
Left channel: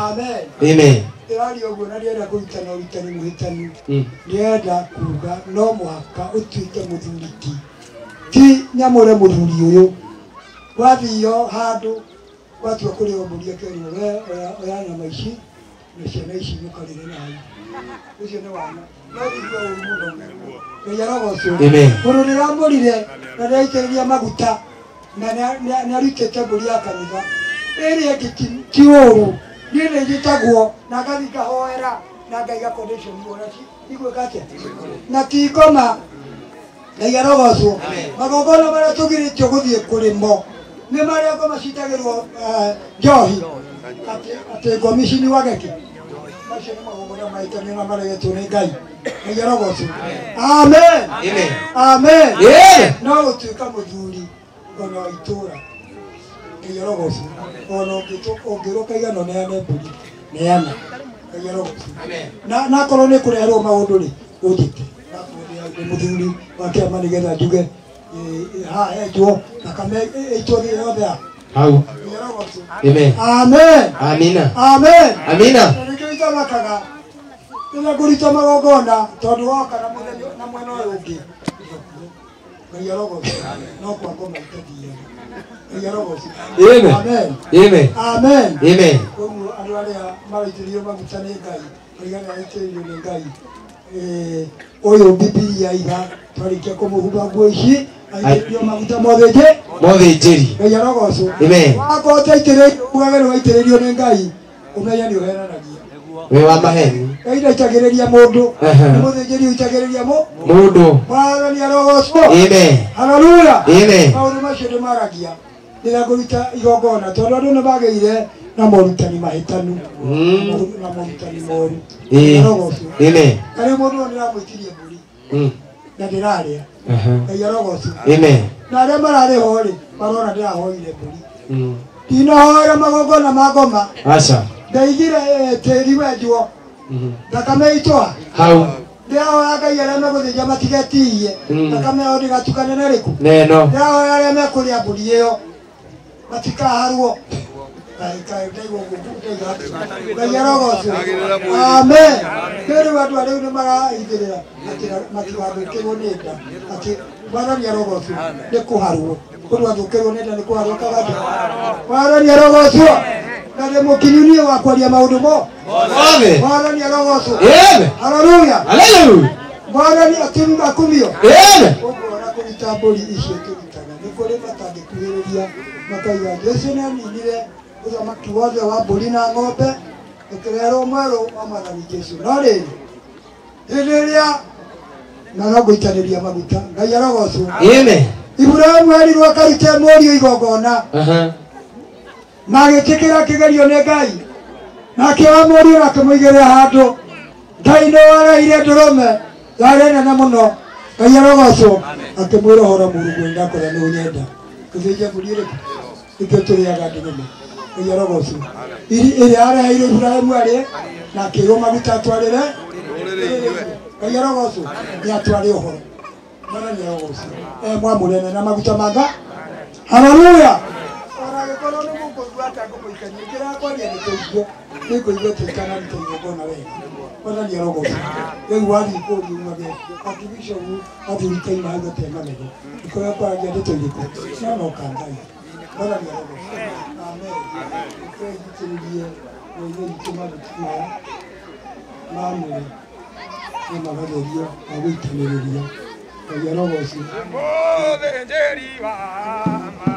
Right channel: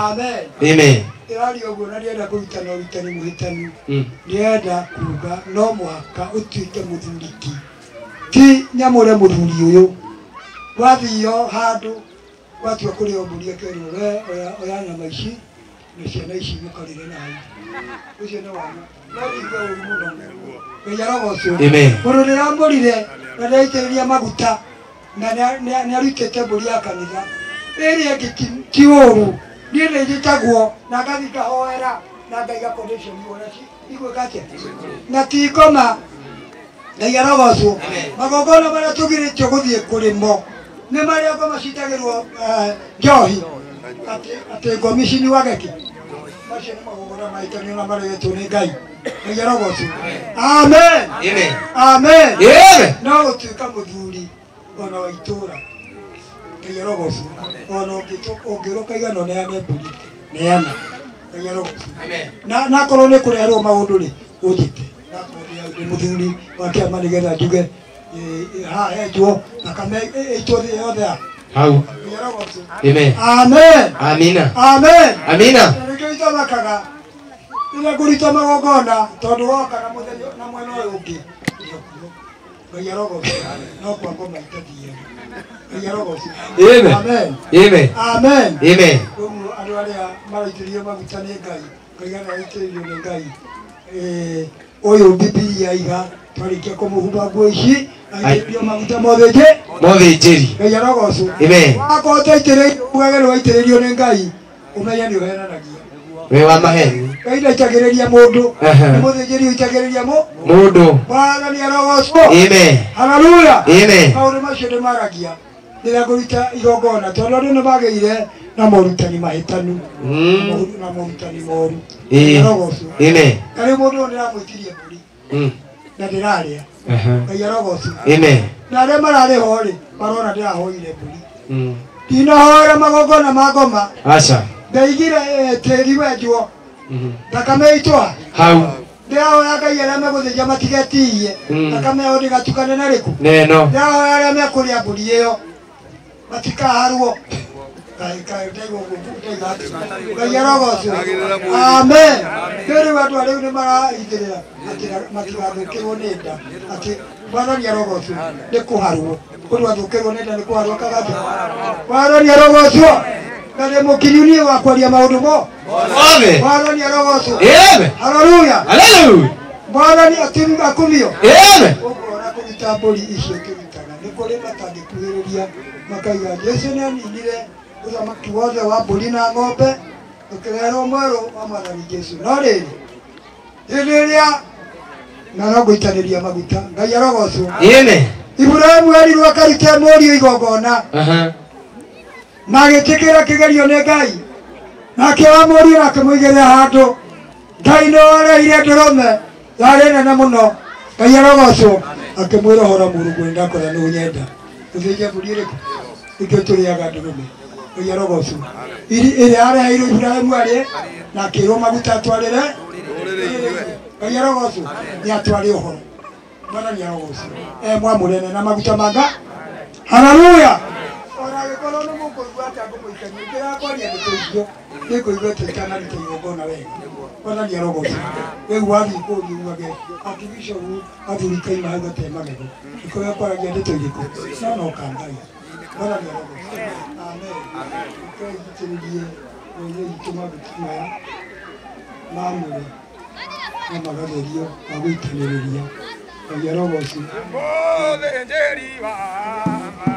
ndĩraria ũguo na ndĩrenda kũrutana ũrutani mũhĩtanu ndĩrenda kuga no mũhaka ũtuĩke mũthuri ti nyamũre mũthuri ũyũ wathio handũ watua kũrĩa mbũri akerwo oya nyama ici na ciana ici mũkarĩre nayo ũcio nĩ wana no ndigua ũru mũno Ngai arogocwo mũndũ ndĩramũrire na ndaitĩrĩria maguta na nĩ arutĩte mbũri ya kanitha ĩrĩa ĩngĩ ti ũru niĩ nĩ njĩtagwo na ngathi ngahoera na ngaiga condition ona igwĩka atĩa na ti ngoma Ngai arogocwo magongona marĩa tũgirĩtio gũthiĩ kũrĩmo nĩ marĩa ngoma citagĩrwo njohi atĩ ngomi ici nĩ wageki macio nĩ magongona mahĩtanio na maregetwo nĩ Ngai Ngai arogocwo amen no gũtuĩka mũthuri ona wa itũũra Ngai arogocwo ona ũngĩroka igana ũneane mbũri neana Ngai arogocwo na korwo nĩ kũreherwo maũndũ rĩ ũnjĩte mũthuri wa kĩama nĩgetha njuge haha henjwo thakame ĩitwo thĩ yothe hau amina nĩkĩo itamakaga rĩrĩa ngũrutwo magongona tondũ woka na mũthenya na mwena ũyũ ũngĩ Ngai arogocwo no kwa ngoma itathiaga Ngai arogocwo amen koguo andũ arĩa maraitĩrĩrio maguta nĩ Ngai Ngai araitĩrĩrio nĩ Ngai ũyũ Bibilia iga twarĩkia kũmũhumba nguo ici aitĩrĩrio maguta mothĩnjĩri Ngai arogocwo wakorwo ũtaitĩrĩrio ugagĩrwo waitĩrĩrio nĩ Ngai ũmenya nĩ ũhenanagia we wa maheni Ngai ndaitagĩrĩria mũndũ nĩ mũthĩnjĩri ũitagĩrĩria mũndũ Mwathani arogocwo haleluya maũndũ macio nĩ maragia rĩrĩa ngũruta igongona tondũ andũ nĩ magĩire na morutani mahĩtanu na morutani moru arogocwo karĩ mũndũ ũyũ nĩramwĩtirie mbũri na ndĩrarĩa Ngai arogocwo na arĩa mararĩ ho rĩ marona ndĩrahoire mbũri ndinahoera magongona ma ngoma ndaigire tĩri wenjwo thakame ĩitwa hau ndĩrahoya Ngai arĩa megũthĩnja matigetirie thakame yao ndĩgatukane na rĩku ndĩrahoya arĩa mekũrĩa mbũri ĩyo matikaharwo Ngai arogocwo amen rĩu andũ arĩa nĩ maraithĩrĩra matigathũkĩrwo nĩ nda atĩ Mwathani arogocwo nĩ kũharwo ũndũ athũkĩrwo nĩ nda nĩ kũharwo kaganja Mwathani arogocwo na nĩ mũkinyu niĩ wa kwaria maũndũ mo Mwathani arogocwo haleluya Mwathani akumio ũguo na kũruta mbũri icio tũrutaga nĩ kũrĩ matangĩkuhĩrĩria makaiga Jesu nĩ aninire ũthamaki wothe wa mbũri na ng'ombe ũkĩreherwo mwerũ wa Mwathani Jesu no rĩrĩ hĩndĩ ĩrĩa na no ngũitanĩria maguta Ngai arogocwo Iburahĩmu erirwo akarute mũriũ igongona na agĩtĩkĩra kĩgerio nĩ Ngai nake wa mũriũ na akĩmũigĩrĩra handũ Ngai nĩ wareire ndũrũme yarĩ nene mũno Ngai arogocwo akĩmwĩra ũhoro Mũrungu ndakora nĩ ũnyenda gũthĩnja mbũri ĩrĩkũ nĩkĩo tũrĩaga ndũrũme Ngai arogocwo ĩrĩa areheirwo Iburahĩmu arĩ na akĩrwo maguta atwarĩre Ngai arogocwo nĩ atware ũhoro Mwathani arogocwo mwamũrene na maguta manga haleluya agĩkorwo nĩ mũkũigua atĩ ngũmũikania njĩra yakwa nĩendetĩirio nĩngũiguĩte itanarita igongona wega mwathani arogocwo rĩu wathiĩ kũũria umage ati bishopu athurikaina hau gatee magego ikoya kwaragia ndeto irĩkũ no no kangai mwathani arogocwo amen ikegitĩrĩrie rũrĩrĩ itũ maguta maya ma mwĩrĩ na magatherio ma gũitanĩrĩria ngai arogocwo mũthĩnjĩri wa ma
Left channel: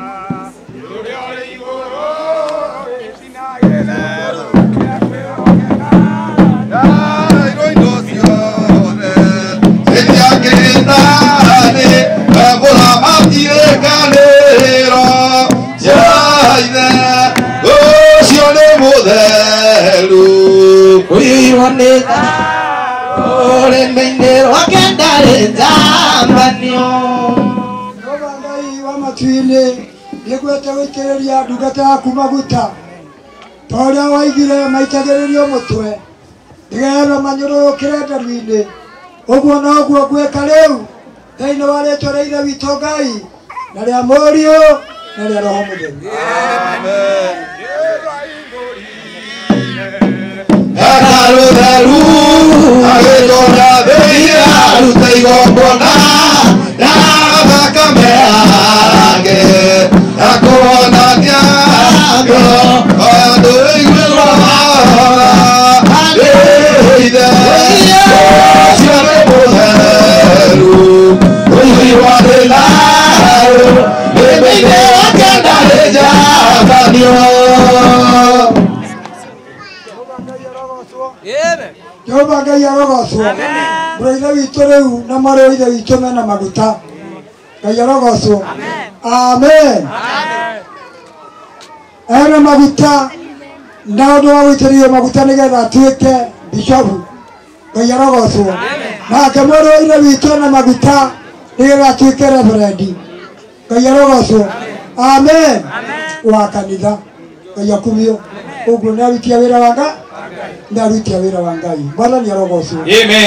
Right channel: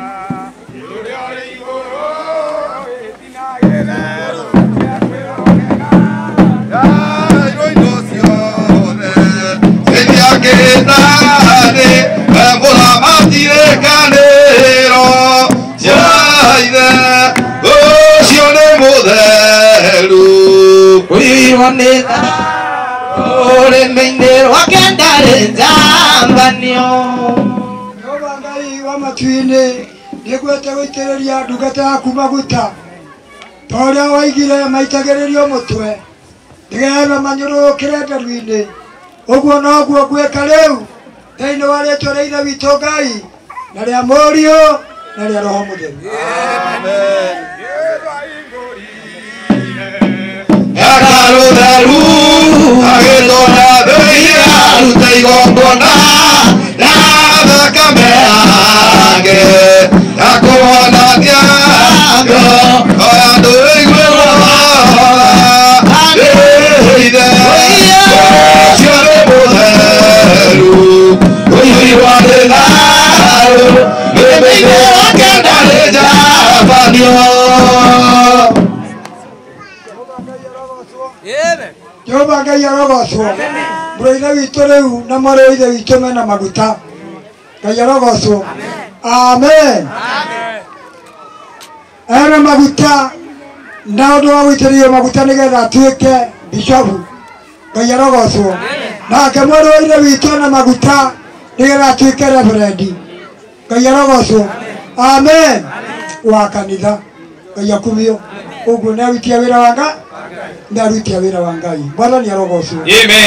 ũrĩa ũrĩ igũrũ gĩtina gĩtherũ gĩa kwĩrogeka Yairo indo ciothe citiagĩthanĩ mũthamaki kanĩro njaithe ũcio nĩ mũtheru Kuiwanĩka ũrĩmi-inĩ rwake ndarĩ njambanio. Jehova Ngai wa matu-inĩ nĩngwete gũitĩrĩria ndungata yaku maguta ta ũrĩa waigire maitagĩrĩrio mũtwe nĩgetha manyũrũrũkĩre nderu-inĩ ũguo noguo ngwĩka rĩu thĩinĩ wa rĩĩtwa rĩa Ithe witũ Ngai na rĩa Mũriũ na rĩa Roho Mũtheru. Akarũtheru agĩtũra thĩinĩ arute igongona na thakame yake akũhonania andũ aiguĩrwo Ithe ũcio nĩ mũtheru ũiguĩrwo nĩ thayũ mũthenya wake ndarĩ njambanio. Jehova Ngai arogocwo mũrũ-ithe witũ rĩu na marĩ ithe witũ mena maguta Ngai arogocwo amen ena maguta na ũndũ wa gũitĩrĩrio maguta nĩgetha atuĩke bishopu Ngai arogocwo nake mũrũ wa ithe witũ ena maguta nĩgetha atuĩke reverendi Ngai arogocwo amen wa kanitha Ngai akumio ũguo nĩ arutia wĩra wa Ngai nĩarutia wĩra wa Ngai mwathani arogocwo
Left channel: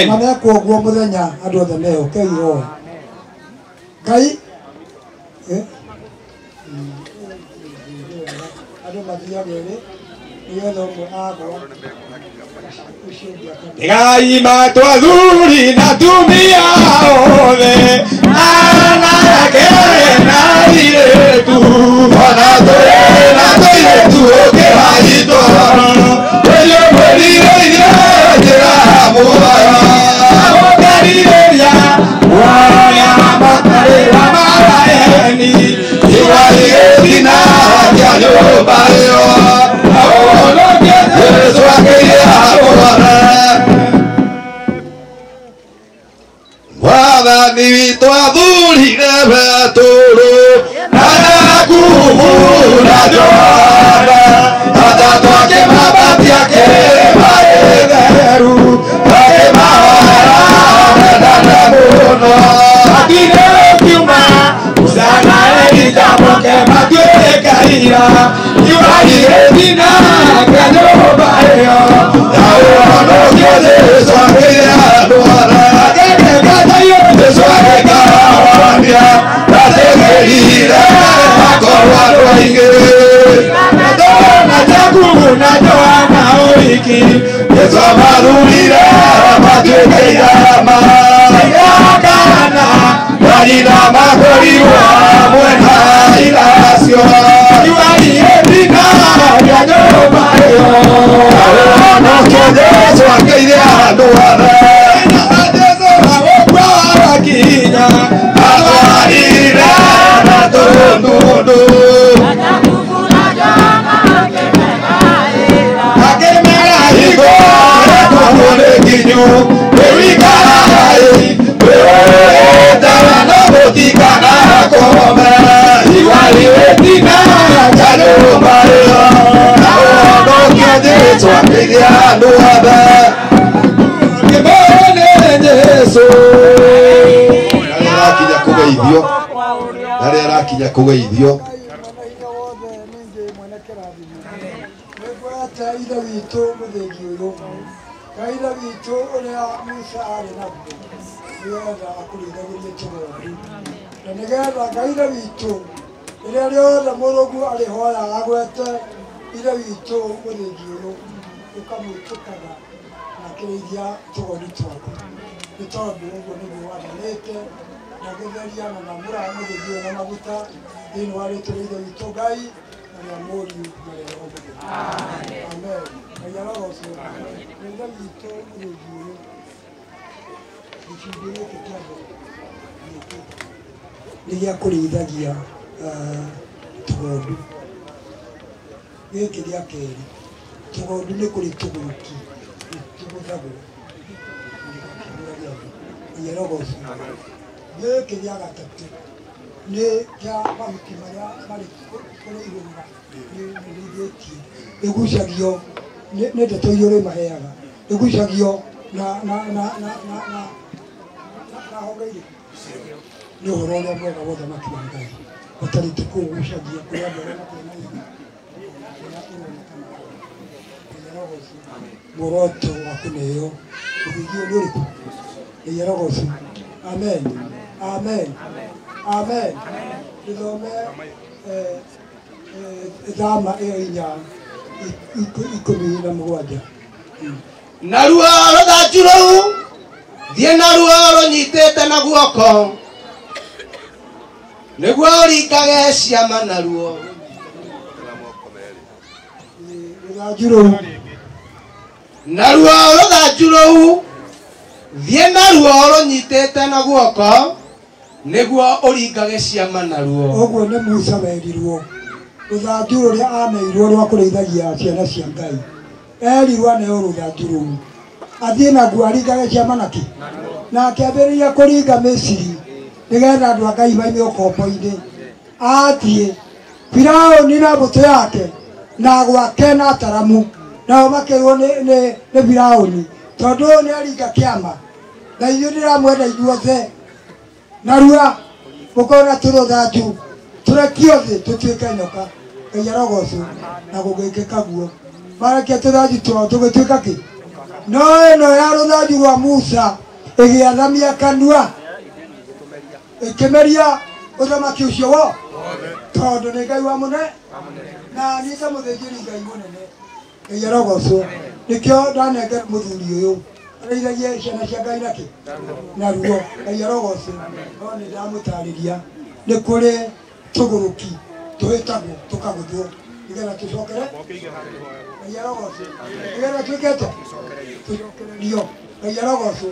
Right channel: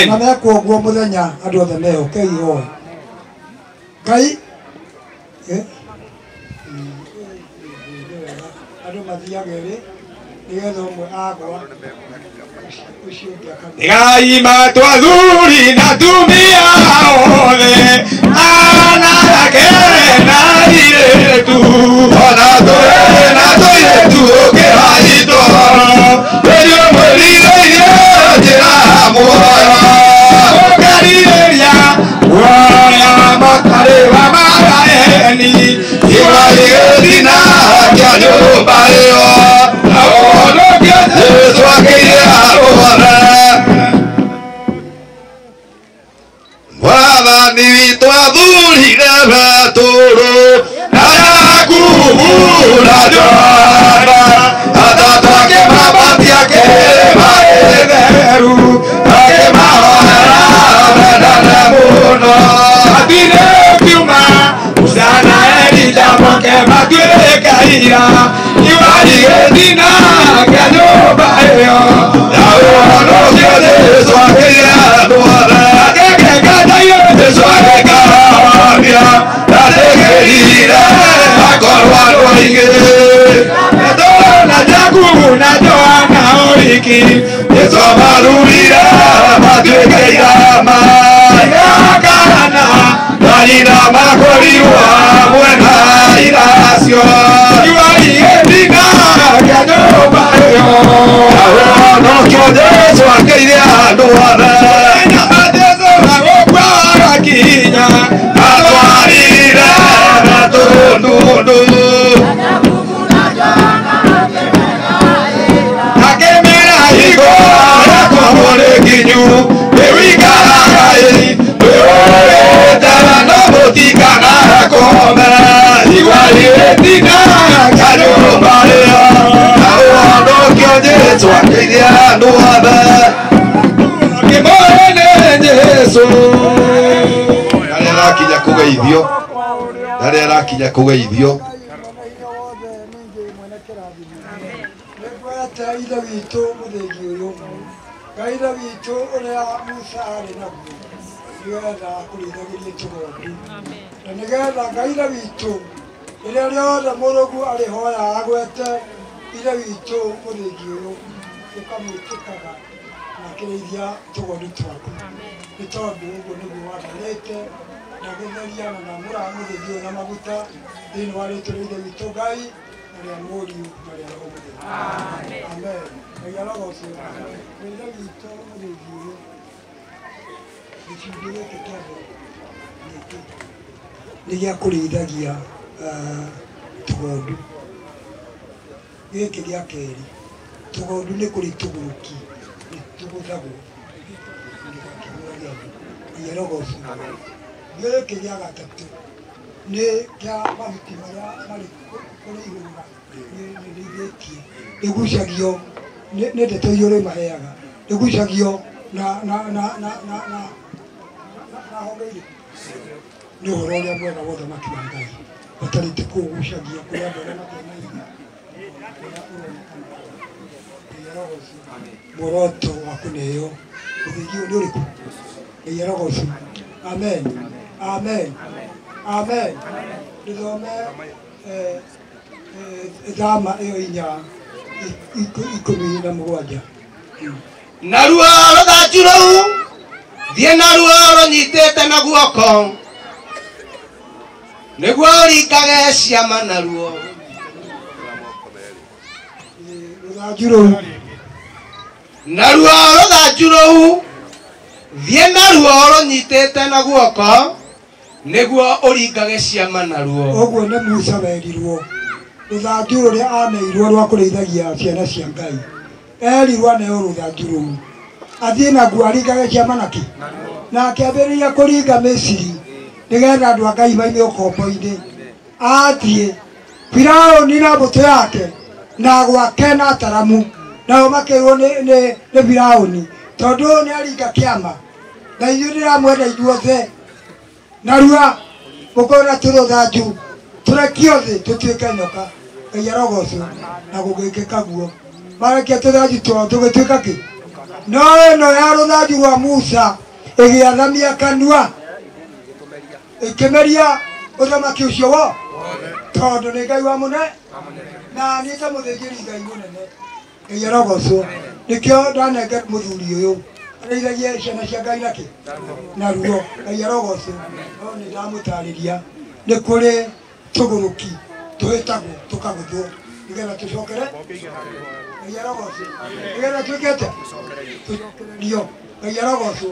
na mekwo ũguo mũthenya andũ othe mehoke ihoe Ngai andũ mathiage rĩ nĩgetha ũmwe agwa Ngai matwathuri na tumia othe anake na airĩtu ona tũrĩ na tũirĩtu ũkĩhaitwo rĩrĩa mwĩrirĩirie njĩra muoyo ũkarirĩria guoya makarĩra maraeni iwaigĩthina kĩa nyũmba ĩyo na ũhonokia Jesũ akĩire arũgame Mwathani witũ athurire Petũrũ na Jakubu na Johana atatũ akĩmambatia kĩrĩma gĩtheru akĩmahoera wendane mũno athiĩ ũkiuma Musa na Elija moke matuĩke ira iwarigĩthina kĩa nyũmba ĩyo na ũhonokia Jesũ akĩire andũ othe Jesũ agĩkahonia na tĩgĩrire akorwo andũ aingĩ na Jakubu na Johana ũriki Jesũ mathurire matuĩke irama igakana na nyina makorirwo hamwe na iracio iwarigĩthina kĩa nyũmba ĩyo ũhonokia Jesũ akĩire andũ othe kinya atwarire na tũndũndũ akĩmera higo rekwo nĩ nginyu ĩwikaraga ĩwĩtara no mũtikana kome iwarigĩthina kĩa nyũmba ĩyo na ũhonokia Jesũ akĩire andũ othe Jesũ arĩa arakinya kũgeithio nĩngwete ithe witũ mũthĩgi ũyũ Ngai ithe witũ ũrĩa Musa arĩ naguo nĩgetha akũrĩithagĩrie tũgondu na nĩgetha Ngai ithe witũ ire rĩothe mũrũgu arĩhoya agwete ire witũ mũthĩngi ũyũ ũkamwĩtĩkaga na kĩrĩithia tũgondu twaku nĩ tondũ ũguo nĩguo wathanĩte na gũtheria na mamũra mũthĩngi ũyũ na maguta thĩinĩ wa rĩtwa rĩa ithe witũ Ngai na rĩa Mũriũ na rĩa Roho Mũtheru. Amen. Ngai arogocwo. Ithe witũ mũthĩngi ũyũ gĩcunjĩ gĩkĩ kĩa mbere nĩ gĩa kũrĩithagia tũgondu. Gĩkĩ gĩa kerĩ tũgondu nĩ kũrĩ tũgũrũki tũgũthagwo iyerogocwo. Gĩkĩ gĩa gatatũ nĩ kĩa mahuti marĩa marĩ kũrĩ ihũrũra nĩrĩithĩtio ĩgucagio nĩ ndeto iria ũrĩmaheaga ĩgucagio na honge irĩkũ nĩ ũhoro ũrĩa mwega wa ũthamaki wa Ngai ũtarĩte kũũgucagia kũrĩ andũ arĩa matarĩ na irio ũrĩa ũronekana iyerogocwo. Muoroto wa kũneo ũthĩngi ũyũ nĩ ũrĩkũ? Iyerogocwo. Amen. Amen. Amen. Gĩthome thama ĩyo inya 17. Naruo rũthanju rũu thiĩ naruo rũnyitĩte na guoko nĩguo ũringage ciama naruo. Rũthanju rũu naruo rũthanju rũu thiĩ naruo rũnyitĩte na guoko nĩguo ũringage ciama naruo. Ũguo nĩ Musa werirwo rũthanju rũrĩa aneirwo rwa kũrĩithagia ciana cia Ngai. Erirwo aneo rũthanju rũu athiĩ naguo aringage ciama nakĩ na akĩambĩrĩria kũringa Misiri nĩgetha andũ a Ngai maime ũkombo-inĩ. Athiĩ Firaũni na mbũtũ yake na gwake na ataramu nao makĩrwo nĩ Firaũni tondũ ũyũ nĩ aringa kĩama na ithuĩ ndĩramwenda ithuothe narua mũkorwo na tũrũthanju tũrekio thĩ tũtuĩke nyoka. Ngai arogocwo na gũgĩkĩka guo marekia tũthanju twao tũgĩtuĩka kĩ. No ĩno ya rũthanju rwa Musa ĩgĩathamia kanua ĩkĩmeria ũthamaki ũcio wo tondũ nĩ Ngai wa mũnene na nĩ ta mũthĩnjĩri Ngai mũnene. Ngai arogocwo. Nĩkĩo ndanengera mũthuri ũyũ arĩithagie ciana cia Ngai nakĩ naruo. Ngai arogocwo. No nĩ ndamũtarĩria nĩ kũrĩ tũgũrũki twĩtagwo tũkagũthwo nĩgetha tũcokere. Ngai arogocwo. Nĩgetha twĩkĩte tũcokererio. Ngai arogocwo.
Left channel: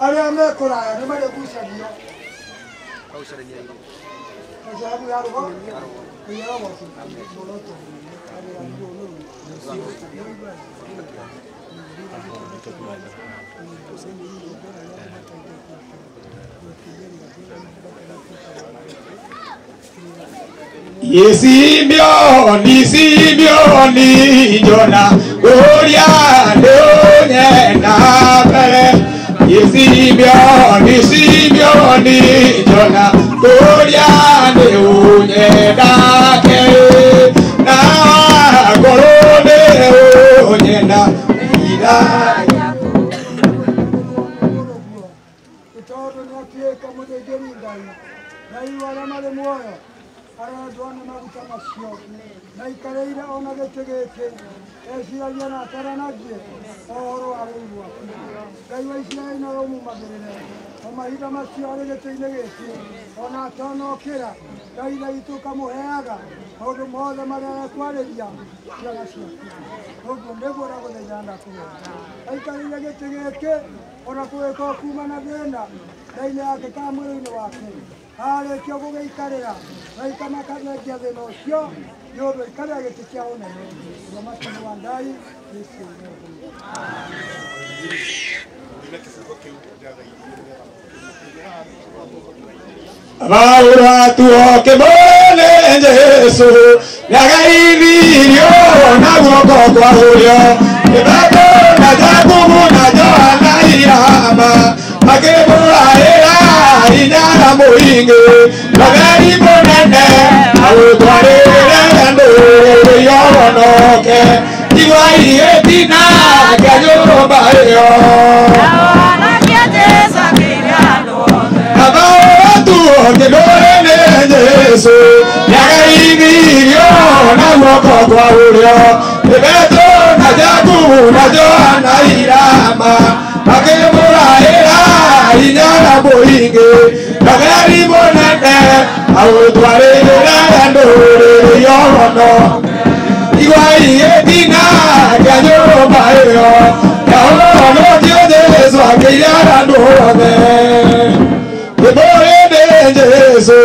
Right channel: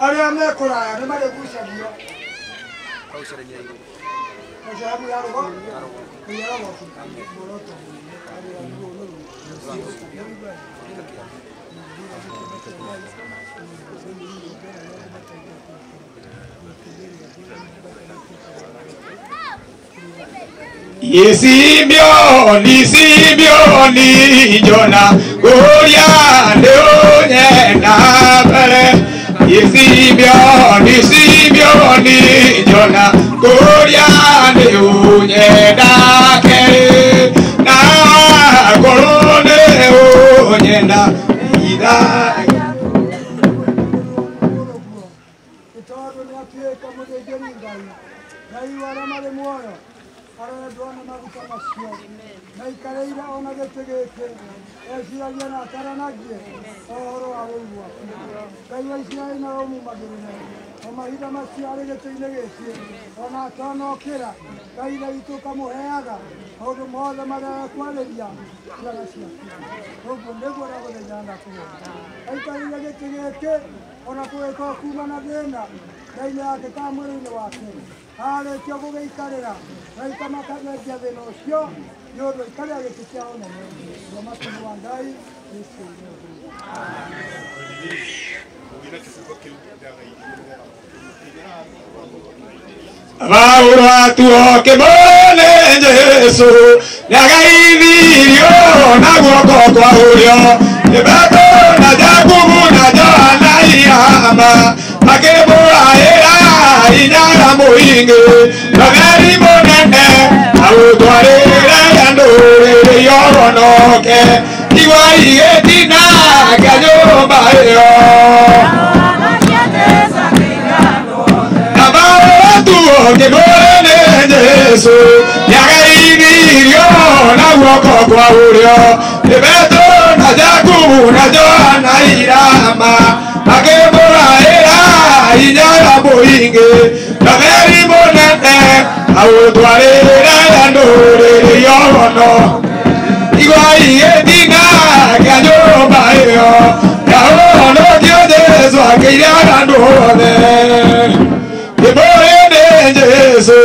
Arĩa me kũraya nĩ marĩgucagio sababu ya roho. Ngai arogocwo. Muoroto Simeoni, Simeoni, Jona, Gloria, Leonena, Bere. Simeoni, Simeoni, Jona, Gloria, Leonena, Bere. Na Golone, Leonena, Ida. Itodo ni atuĩka mũthĩnjĩri Ngai. Ngai wala marĩ muoyo arendwo nĩ maguta macio na ikarĩire ona gĩtĩ gĩkĩ eciragia na ataranagie ũhoro wa wĩi waku. Ngai wa Isiraeli na ũmumagĩrĩre o mahinda macio arĩ gĩtĩ-inĩ gĩkĩ ona atonokĩra. Ngai na witũ ũkamũheaga maũndũ mothe marĩa ekwarĩria ciana ciaku. Ũguo nĩguo ndagũthaitha ndakũhoya aikarĩire gĩtĩ gĩkĩ ona kũgĩkorwo kuma na thĩna thĩinĩ yake kana mwĩrĩ-inĩ wake arĩkia gũgĩikarĩra raika makathengia thĩna ũcio nĩ ũndũ aikarĩra gĩtĩ kĩa ũnene. Ũthamaki wa Ngai Yesu. Vaura tuoke mone Jesu nyagaithirio na guoko kwa ũrĩo nĩbato na Jakubu na Johana ihama makĩmũraĩra inara mũingĩ magari mũnene agũtwarĩre ndũrĩrĩ yohonoke igwa igĩtina nga nyũmba ĩyo. Tuoke mone Jesu nyagaithirio guoko kwa urio Petro na Jakubu na Johana irama makimuraira inyara muingi ndageri munene agutwarira nduriri yono igwai etina kanyumba iyo ahono Jesu akira ndurane ibore Jesu